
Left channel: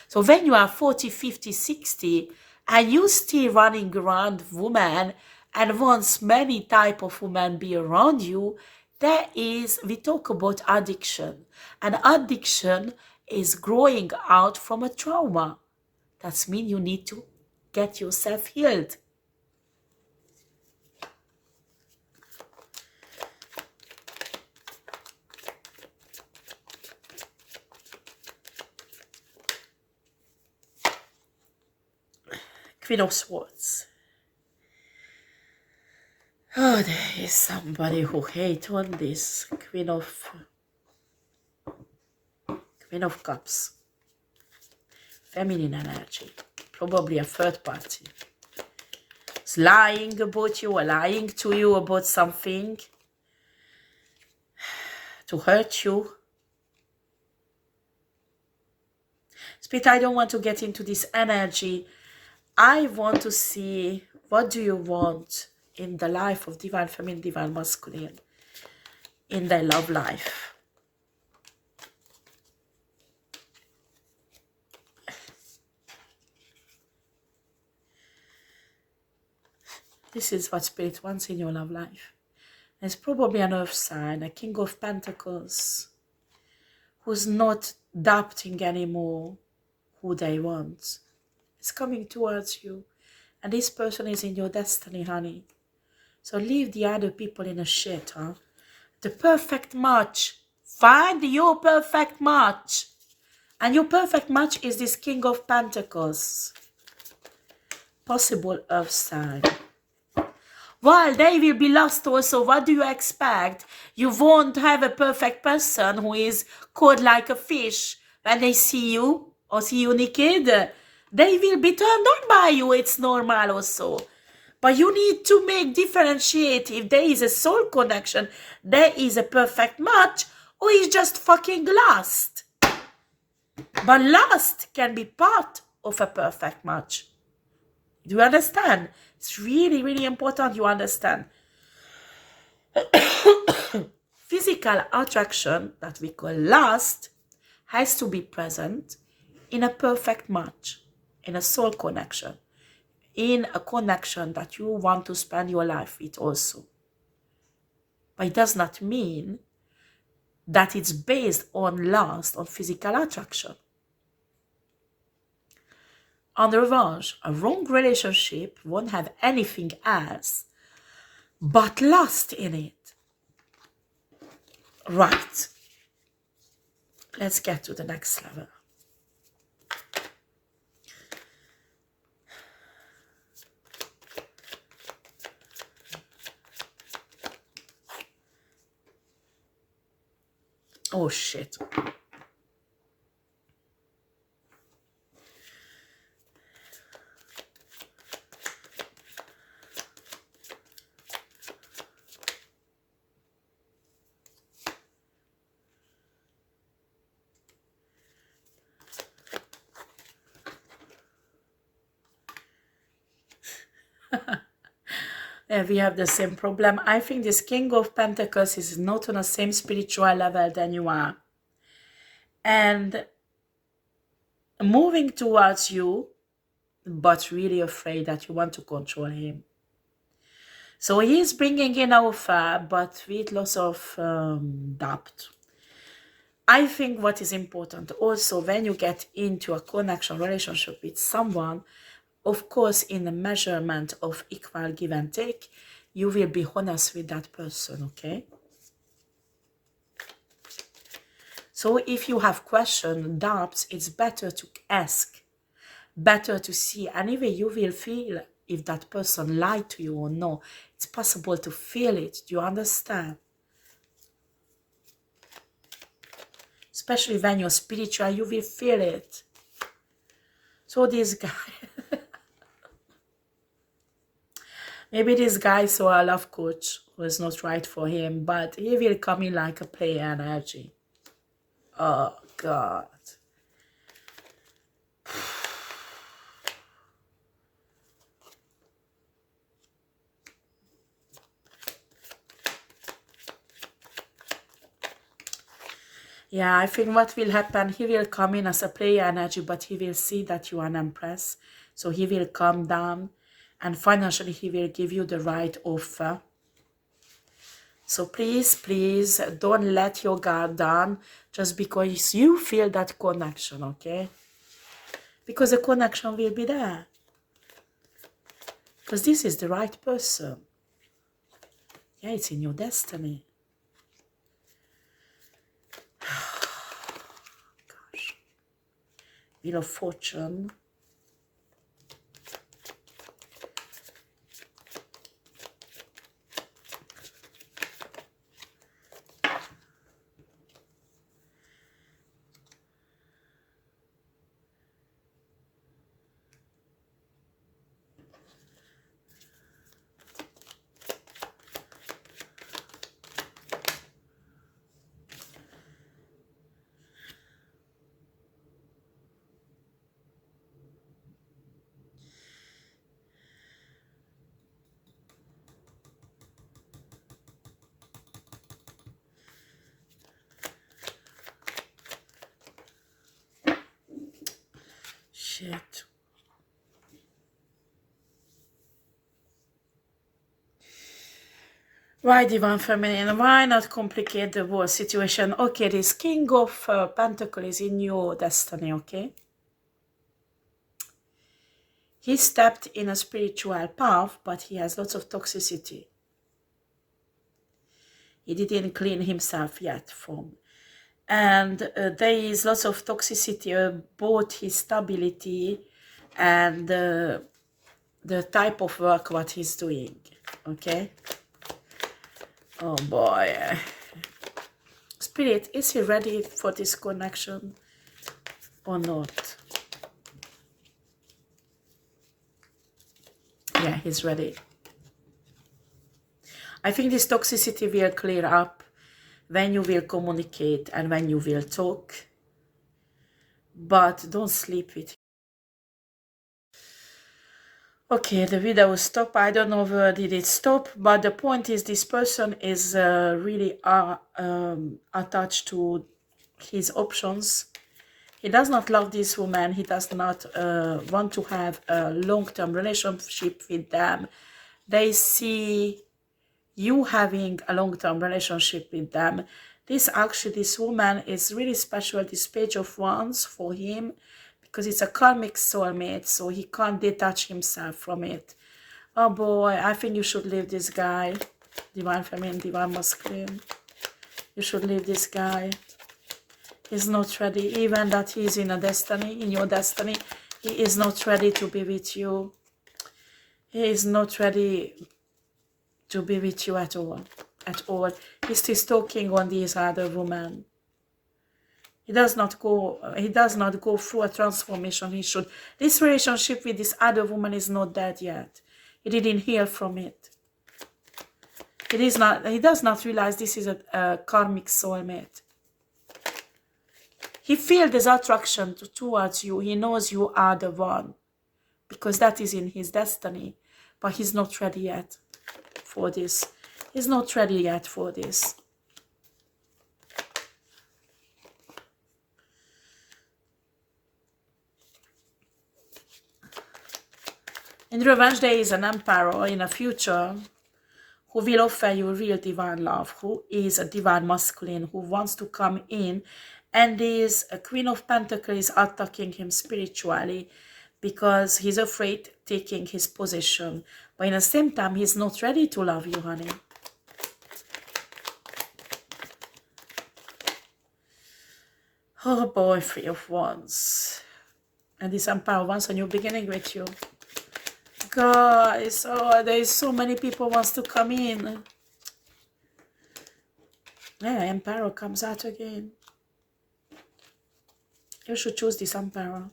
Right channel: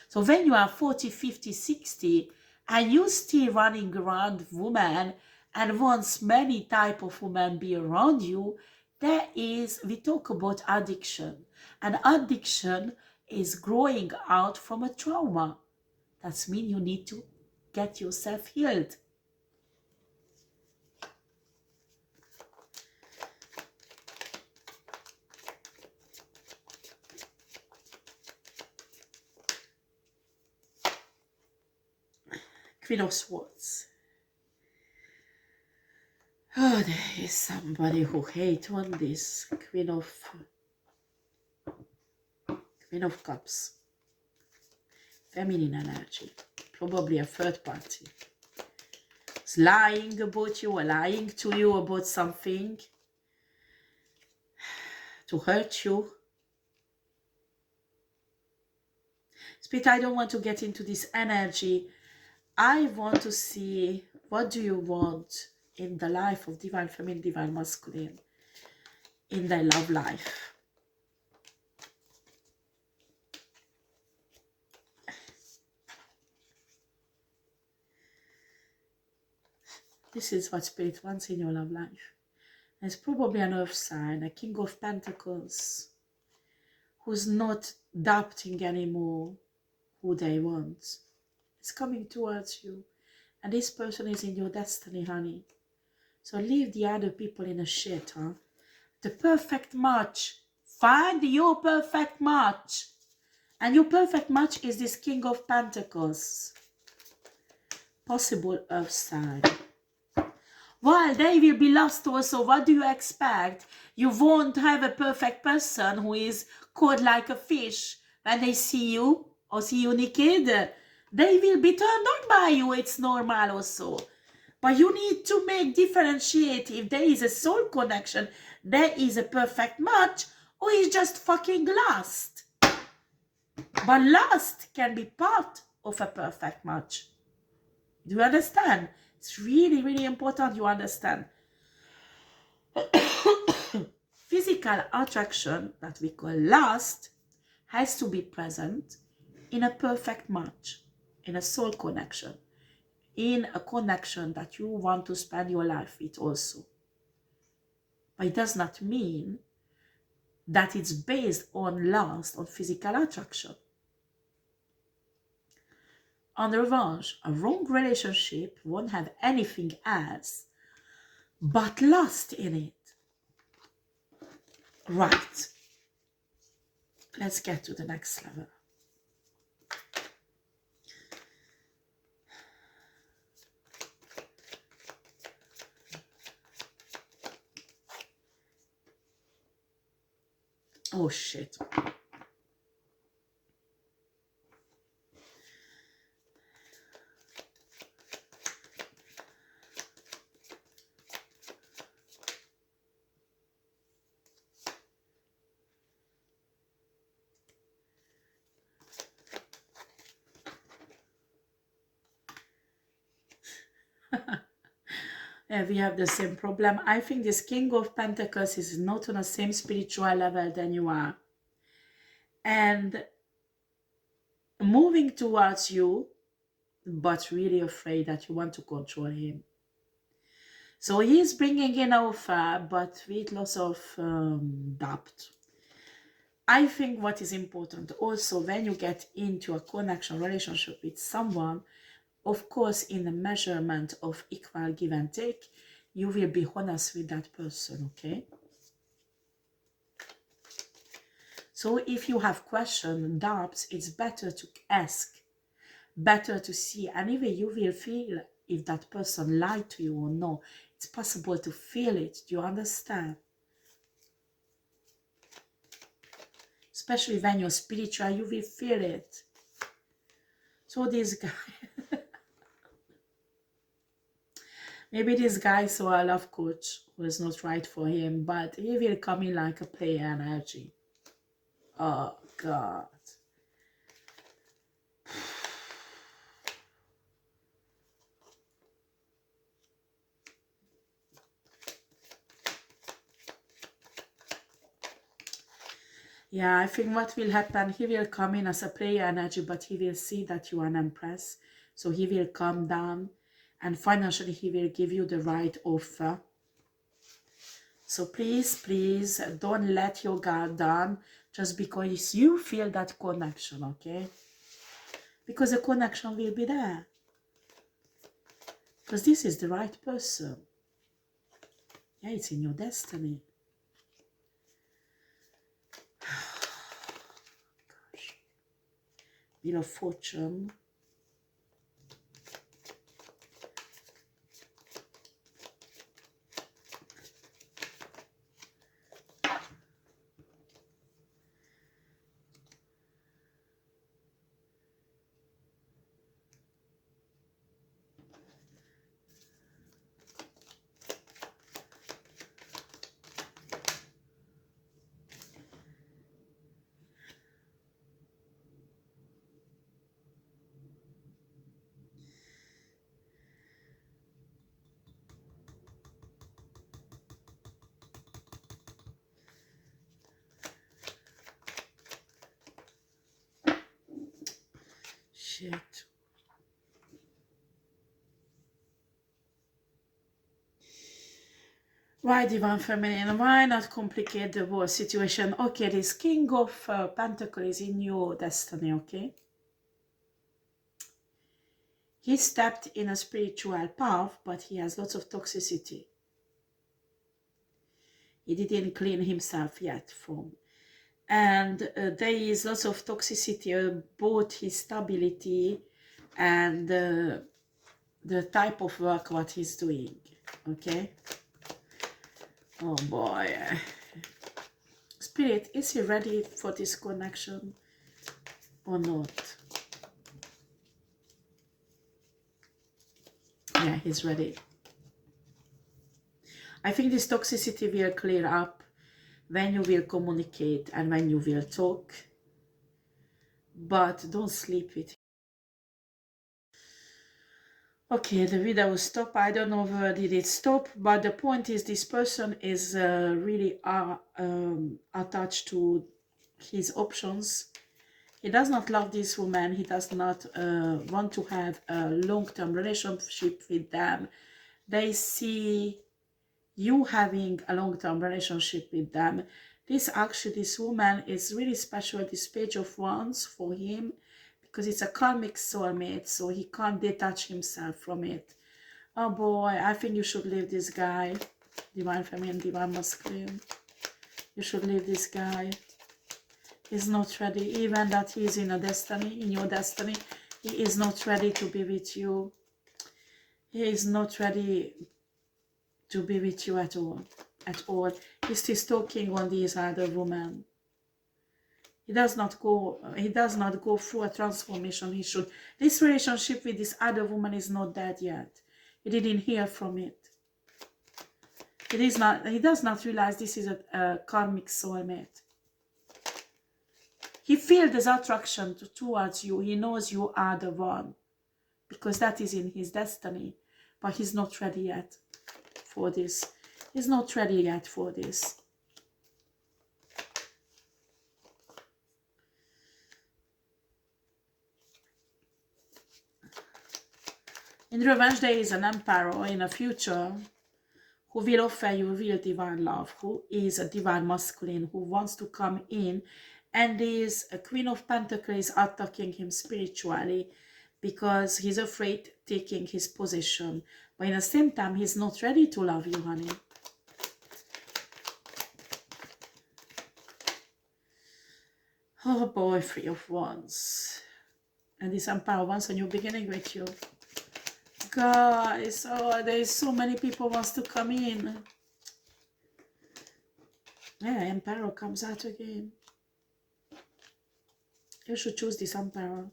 So when you are 40, 50, 60, and you still running around women and wants many type of women be around you, we talk about addiction. And addiction is growing out from a trauma. That means you need to get yourself healed. Queen of Swords. Oh, there is somebody who hates on this. Queen of Cups. Feminine energy. Probably a third party. It's lying about you or lying to you about something to hurt you. Spirit, I don't want to get into this energy. I want to see, what do you want in the life of divine feminine, divine masculine, in their love life? This is what Spirit wants in your love life. There's probably an earth sign, a King of Pentacles, who's not doubting anymore who they want. It's coming towards you. And this person is in your destiny, honey. So leave the other people in a shit, huh? The perfect match. Find your perfect match. And your perfect match is this King of Pentacles. Possible earth sign. While they will be lost also, what do you expect? You won't have a perfect person who is cold like a fish when they see you or see you naked. They will be turned on by you, it's normal also. But you need to differentiate if there is a soul connection, there is a perfect match, or is just fucking lust. But lust can be part of a perfect match. Do you understand? It's really, really important you understand. Physical attraction, that we call lust, has to be present in a perfect match, in a soul connection, in a connection that you want to spend your life with also. But it does not mean that it's based on lust, on physical attraction. On the revanche, a wrong relationship won't have anything else but lust in it. Right. Let's get to the next level. Oh shit. We have the same problem. I think this King of Pentacles is not on the same spiritual level than you are. And moving towards you, but really afraid that you want to control him. So he is bringing in offer, but with lots of doubt. I think what is important also when you get into a connection relationship with someone, of course, in the measurement of equal give and take, you will be honest with that person, okay? So if you have questions, doubts, it's better to ask, better to see, and even you will feel if that person lied to you or no. It's possible to feel it. Do you understand? Especially when you're spiritual, you will feel it. So this guy, maybe this guy saw a love coach who is not right for him, but he will come in like a player energy. Oh, God. Yeah, I think what will happen, he will come in as a player energy, but he will see that you are an empress. So he will calm down and financially he will give you the right offer. So please, please don't let your guard down just because you feel that connection, okay? Because the connection will be there. Because this is the right person. Yeah, it's in your destiny. Gosh. Wheel of Fortune. Shit. Why Divine Feminine? Why not complicate the whole situation? Okay, this King of Pentacles is in your destiny, okay? He stepped in a spiritual path, but he has lots of toxicity. He didn't clean himself yet from. And there is lots of toxicity about his stability and the type of work what he's doing, okay? Oh boy. Spirit, is he ready for this connection or not? Yeah, he's ready. I think this toxicity will clear up when you will communicate and when you will talk. But don't sleep with him. Okay, the video stopped. I don't know where did it stop, but the point is this person is really attached to his options. He does not love this woman. He does not want to have a long-term relationship with them. They see you having a long-term relationship with them. This woman is really special, this Page of Wands for him, because it's a karmic soulmate, so he can't detach himself from it. Oh boy, I think you should leave this guy. Divine Feminine, Divine Masculine. You should leave this guy. He's not ready, even that he's in your destiny, he is not ready to be with you. He is not ready to be with you at all. He's still talking on these other women. He does not go through a transformation he should. This relationship with this other woman is not dead yet. He didn't hear from it. He does not realize this is a karmic soulmate. He feels this attraction towards you. He knows you are the one, because that is in his destiny. But he's not ready yet for this. He's not ready yet for this. In revenge, there is an emperor in the future who will offer you real divine love, who is a divine masculine, who wants to come in, and is a Queen of Pentacles attacking him spiritually because he's afraid taking his position. But in the same time, he's not ready to love you, honey. Oh boy, Three of Wands. And this emperor wants a new beginning with you. Guys, oh, there's so many people wants to come in. Yeah, Emperor comes out again. You should choose this Emperor.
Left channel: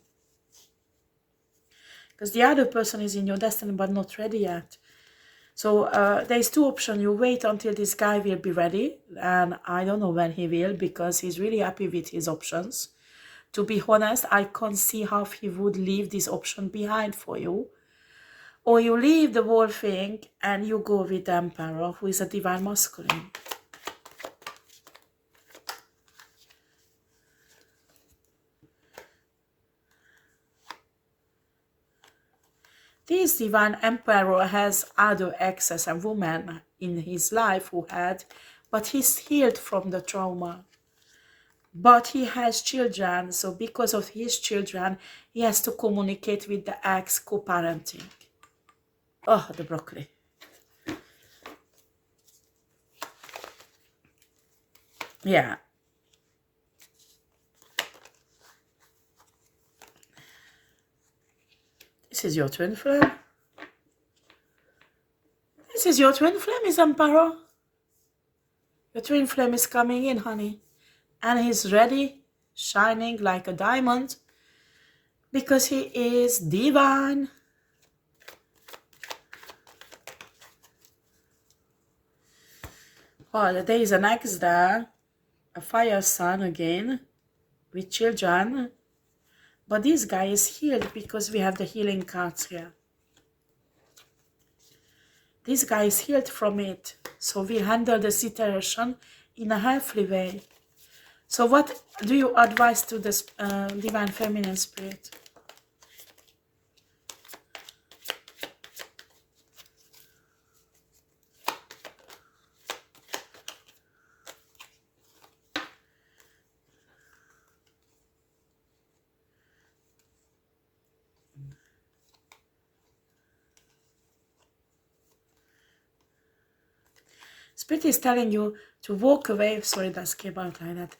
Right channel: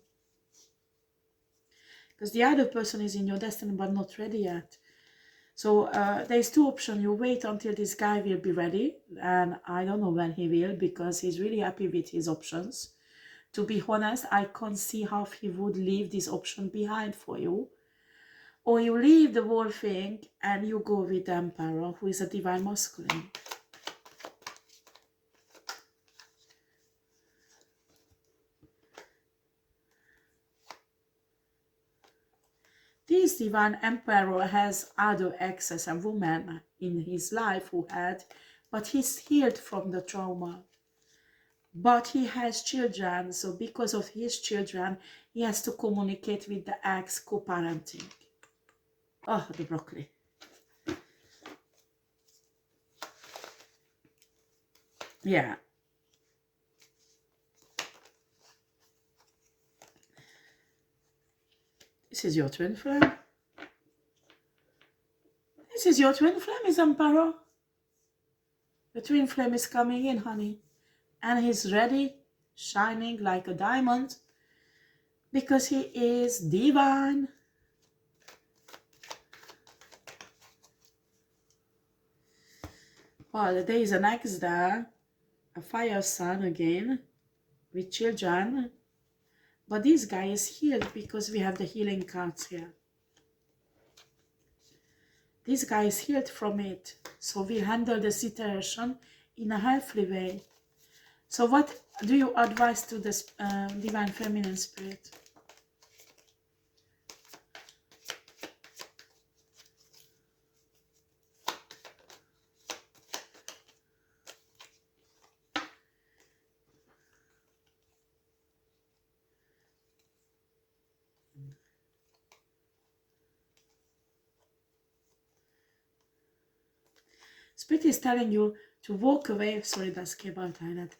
Because the other person is in your destiny but not ready yet. So there's two options. You wait until this guy will be ready. And I don't know when he will, because he's really happy with his options. To be honest, I can't see how he would leave this option behind for you. Or you leave the whole thing and you go with the Emperor, who is a divine masculine. This divine Emperor has other exes and women in his life who had, but he's healed from the trauma. But he has children, so because of his children, he has to communicate with the ex, co-parenting. Oh, the broccoli. Yeah. This is your twin flame. This is your twin flame, is Emperor. Your twin flame is coming in, honey. And he's ready, shining like a diamond, because he is divine. Well, there is an ex there, a fire sign again, with children. But this guy is healed because we have the healing cards here. This guy is healed from it. So we handle the situation in a healthy way. So what do you advise to this divine feminine spirit? Spirit is telling you to walk away. Sorry, that came out like that.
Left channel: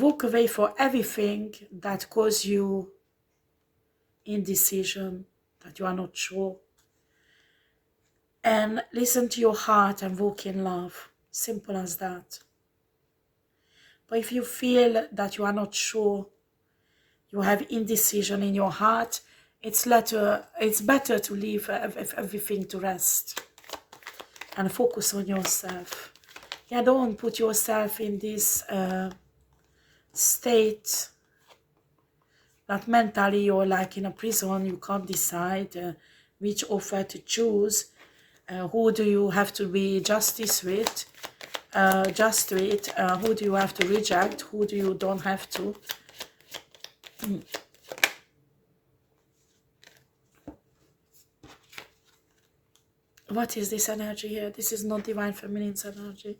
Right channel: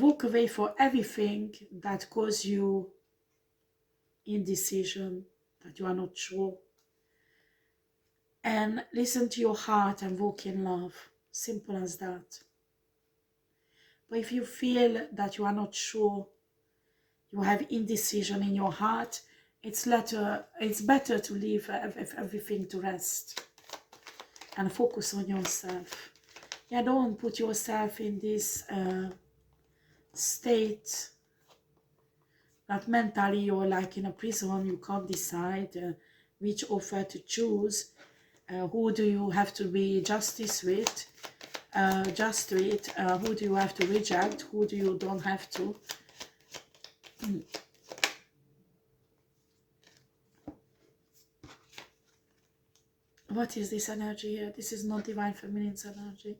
Walk away for everything that causes you indecision, that you are not sure. And listen to your heart and walk in love. Simple as that. But if you feel that you are not sure, you have indecision in your heart, it's better to leave everything to rest and focus on yourself. Yeah, don't put yourself in this state that mentally you're like in a prison. You can't decide which offer to choose. Who do you have to be justice with? Who do you have to reject? Who do you don't have to? What is this energy here? This is not divine feminine's energy.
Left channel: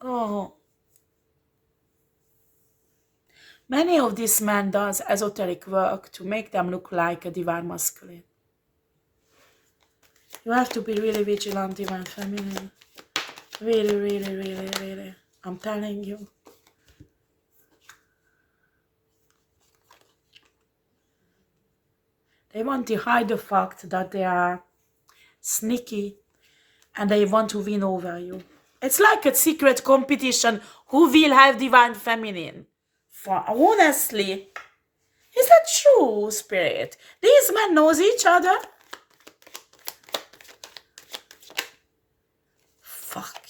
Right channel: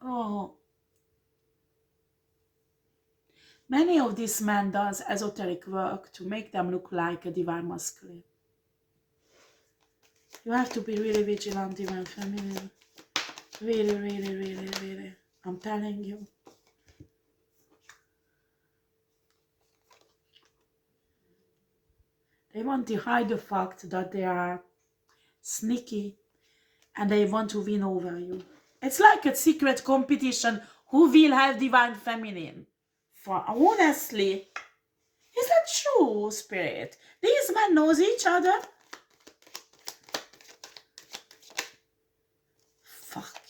Oh. Many of these men does esoteric work to make them look like a divine masculine. You have to be really vigilant, divine feminine. Really, really, really, really. I'm telling you. They want to hide the fact that they are sneaky and they want to win over you. It's like a secret competition. Who will have divine feminine? Honestly, is that true, Spirit? These men knows each other. Fuck.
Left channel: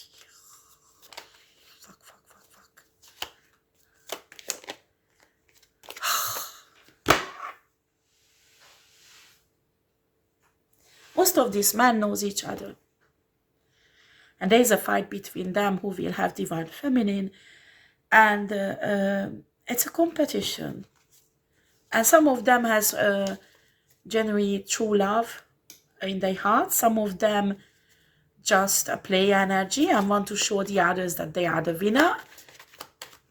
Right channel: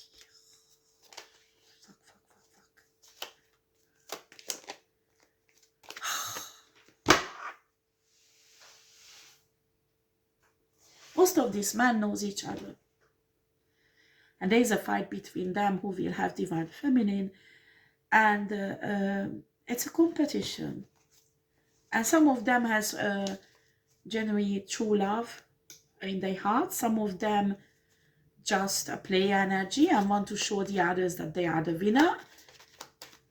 Most of these men knows each other. And there is a fight between them who will have divine feminine. And it's a competition. And some of them has genuine true love in their heart. Some of them just play energy and want to show the others that they are the winner.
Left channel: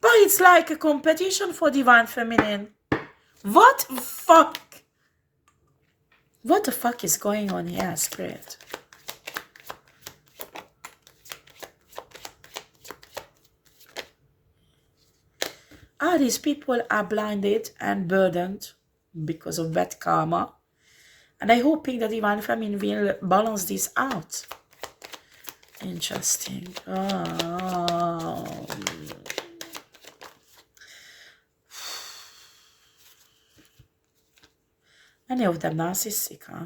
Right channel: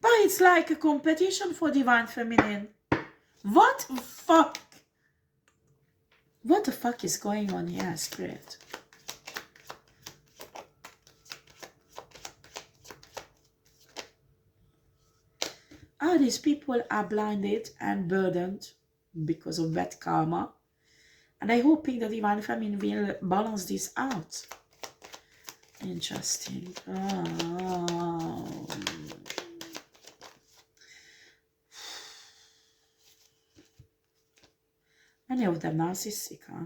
But it's like a competition for divine feminine. What the fuck? What the fuck is going on here, Spirit? these people are blinded and burdened because of bad karma. And I'm hoping the Divine Feminine will balance this out. Interesting. Oh. Many of them narcissistic, huh?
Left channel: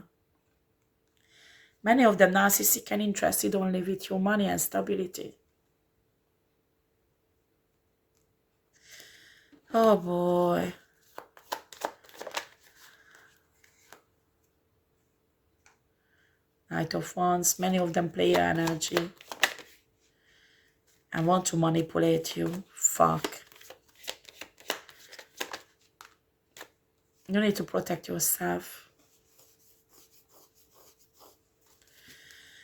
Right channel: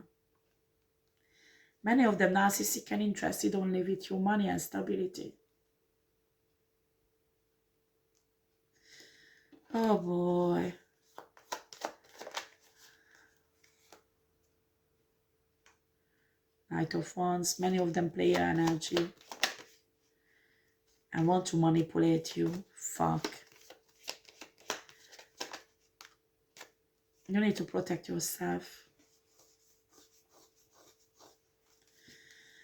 Many of them narcissistic and interested only with your money and stability. Oh boy. Knight of Wands. Many of them play your energy and want to manipulate you. Fuck. You need to protect yourself.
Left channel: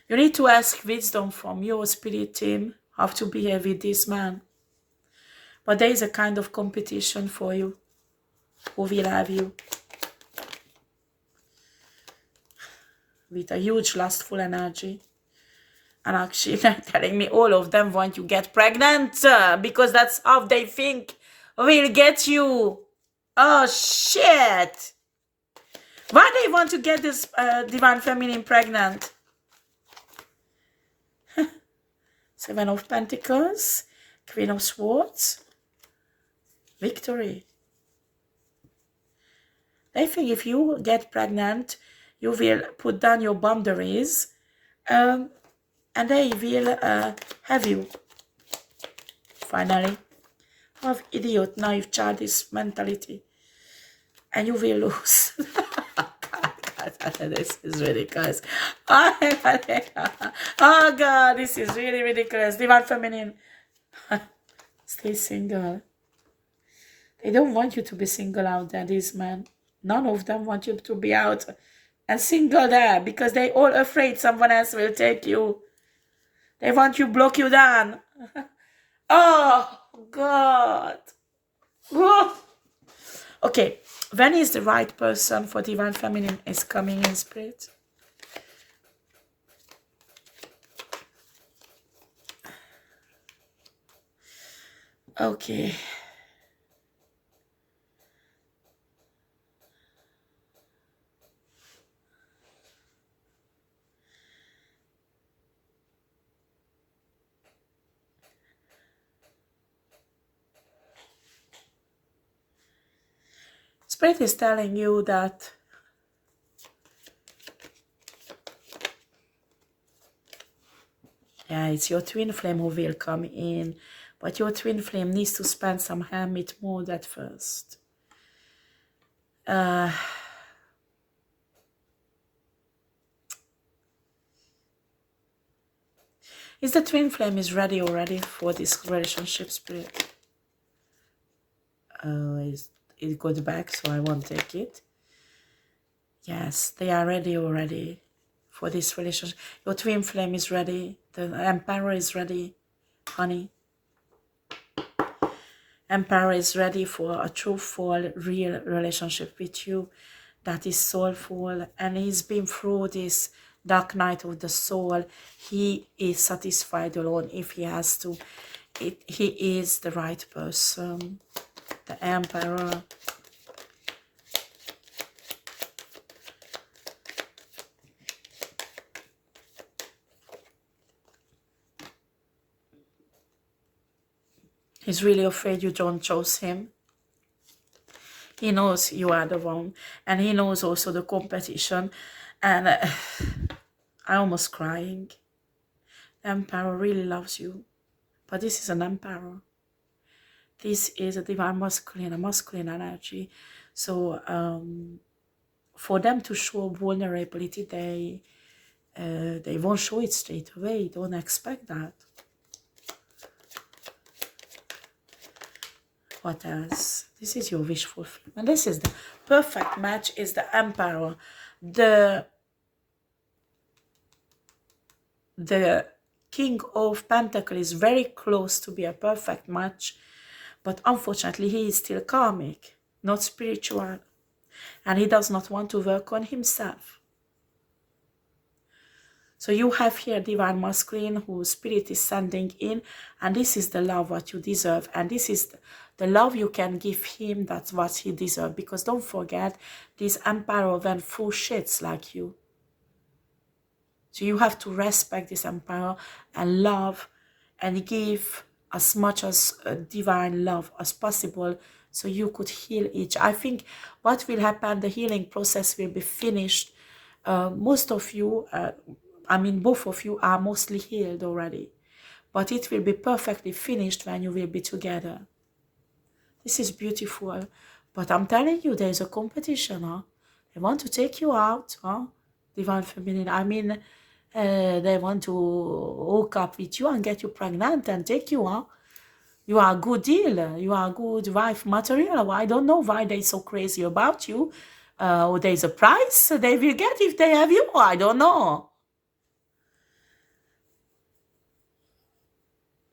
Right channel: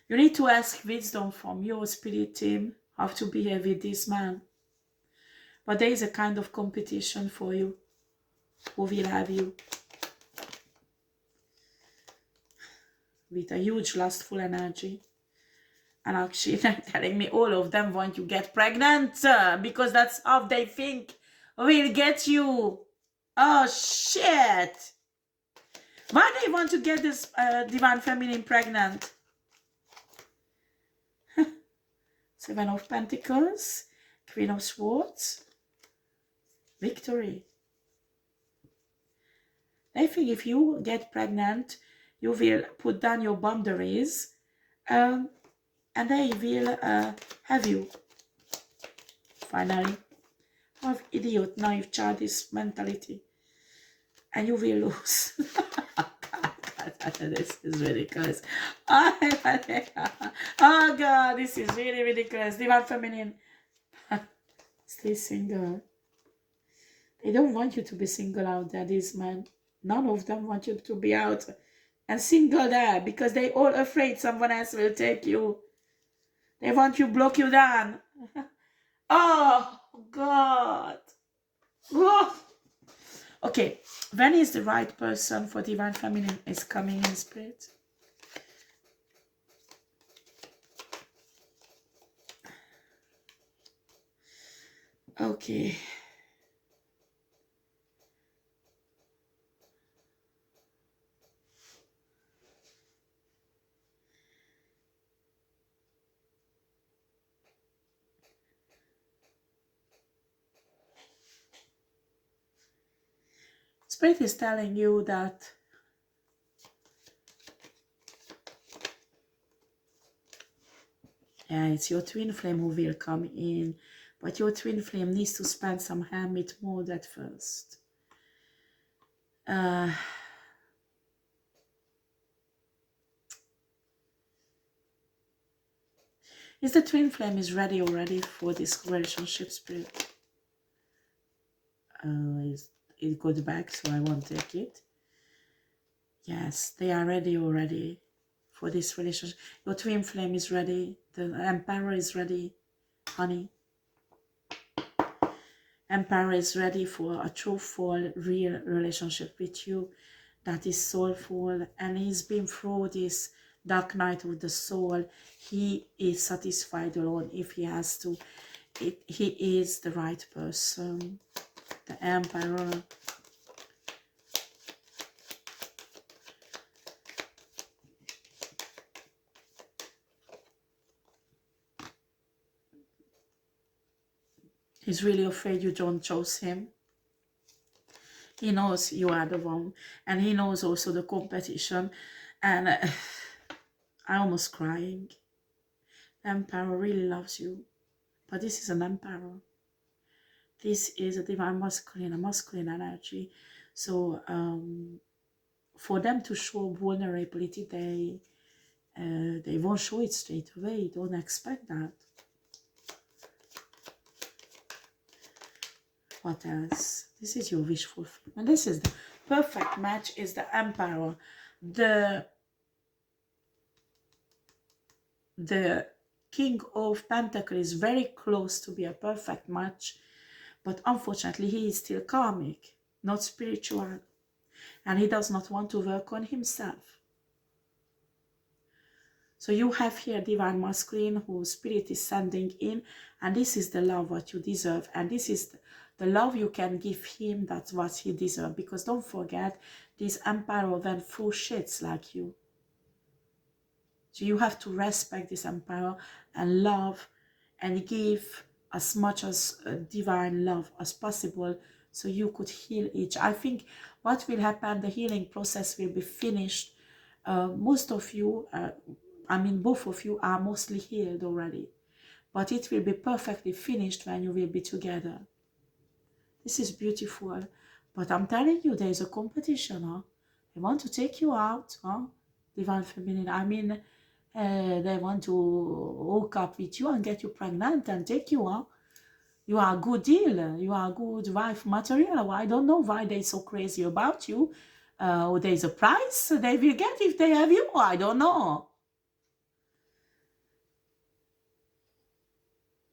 You need to ask wisdom from your spirit team how to behave with this man. But there is a kind of competition for you. Who will have you? With a huge lustful energy. And actually they're telling me all of them want you to get pregnant because that's how they think will get you. Oh shit. Why they want to get this Divine Feminine pregnant? Seven of Pentacles, Queen of Swords, victory. They think if you get pregnant, you will put down your boundaries and they will have you. Finally, have idiot, naive, childish mentality. And you will lose. This is ridiculous. Oh God, this is really ridiculous. Divine Feminine. Stay single. They don't want you to be single out there, these men. None of them want you to be out and single there because they all afraid someone else will take you. They want you block you down. Oh God. Whoa. Okay, when is the right person for Divine Feminine is coming in spirit? Okay. Spirit is telling you that yeah, it's your twin flame who will come in, but your twin flame needs to spend some hermit mode at first. Is the twin flame is ready already for this relationship, spirit? It goes back, so I won't take it. Yes, they are ready already for this relationship. Your twin flame is ready. The Emperor is ready, honey. Emperor is ready for a truthful, real relationship with you that is soulful, and he's been through this dark night of the soul. He is satisfied alone if he has to. He is the right person. The Emperor. He's really afraid you don't choose him. He knows you are the one. And he knows also the competition. And I'm almost crying. The Emperor really loves you. But this is an Emperor. This is a divine masculine, a masculine energy. So for them to show vulnerability, they won't show it straight away. Don't expect that. What else? This is your wish fulfillment. And this is the perfect match, is the Emperor. The King of Pentacles is very close to be a perfect match. But unfortunately, he is still karmic, not spiritual. And he does not want to work on himself. So you have here divine masculine whose spirit is sending in. And this is the love what you deserve. And this is the love you can give him, that's what he deserves. Because don't forget, this emperor went through shits like you. So you have to respect this emperor and love and give as much as divine love as possible, so you could heal each. I think what will happen, the healing process will be finished. Most of you, I mean both of you are mostly healed already, but it will be perfectly finished when you will be together. This is beautiful. But I'm telling you, there is a competition, huh? They want to take you out, huh? Divine Feminine. I mean, they want to hook up with you and get you pregnant and take you, huh? You are a good deal. You are a good wife material. I don't know why they're so crazy about you. Or there's a price they will get if they have you. I don't know.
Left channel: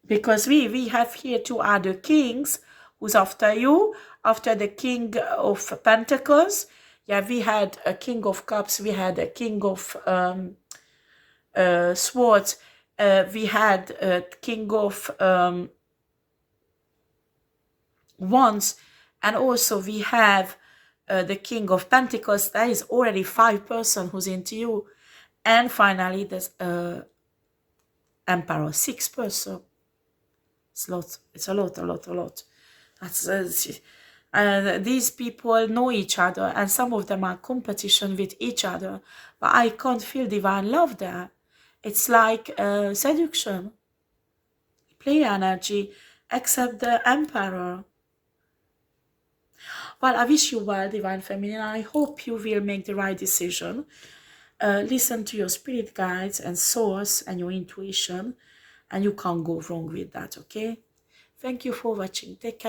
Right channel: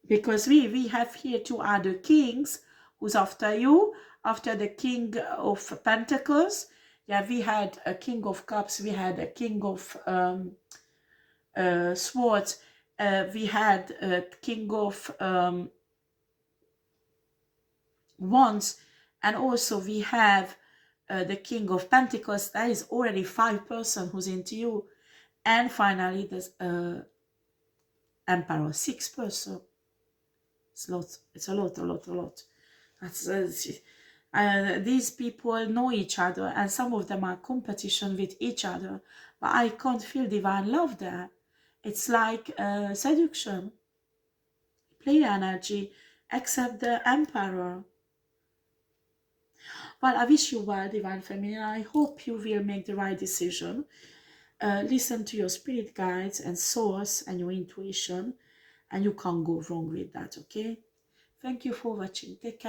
Because we have here two other kings who's after you. After the King of Pentacles, yeah, we had a King of Cups, we had a King of Swords, we had a King of Wands, and also we have the King of Pentacles. That is already 5 person who's into you. And finally, there's Emperor, 6 person. It's a lot. It's a lot. That's these people know each other, and some of them are competition with each other, but I can't feel divine love there. It's like seduction, play energy, except the Emperor. Well, I wish you well, Divine Feminine. I hope you will make the right decision. Listen to your spirit guides and source and your intuition, and you can't go wrong with that, okay? Thank you for watching. Take care.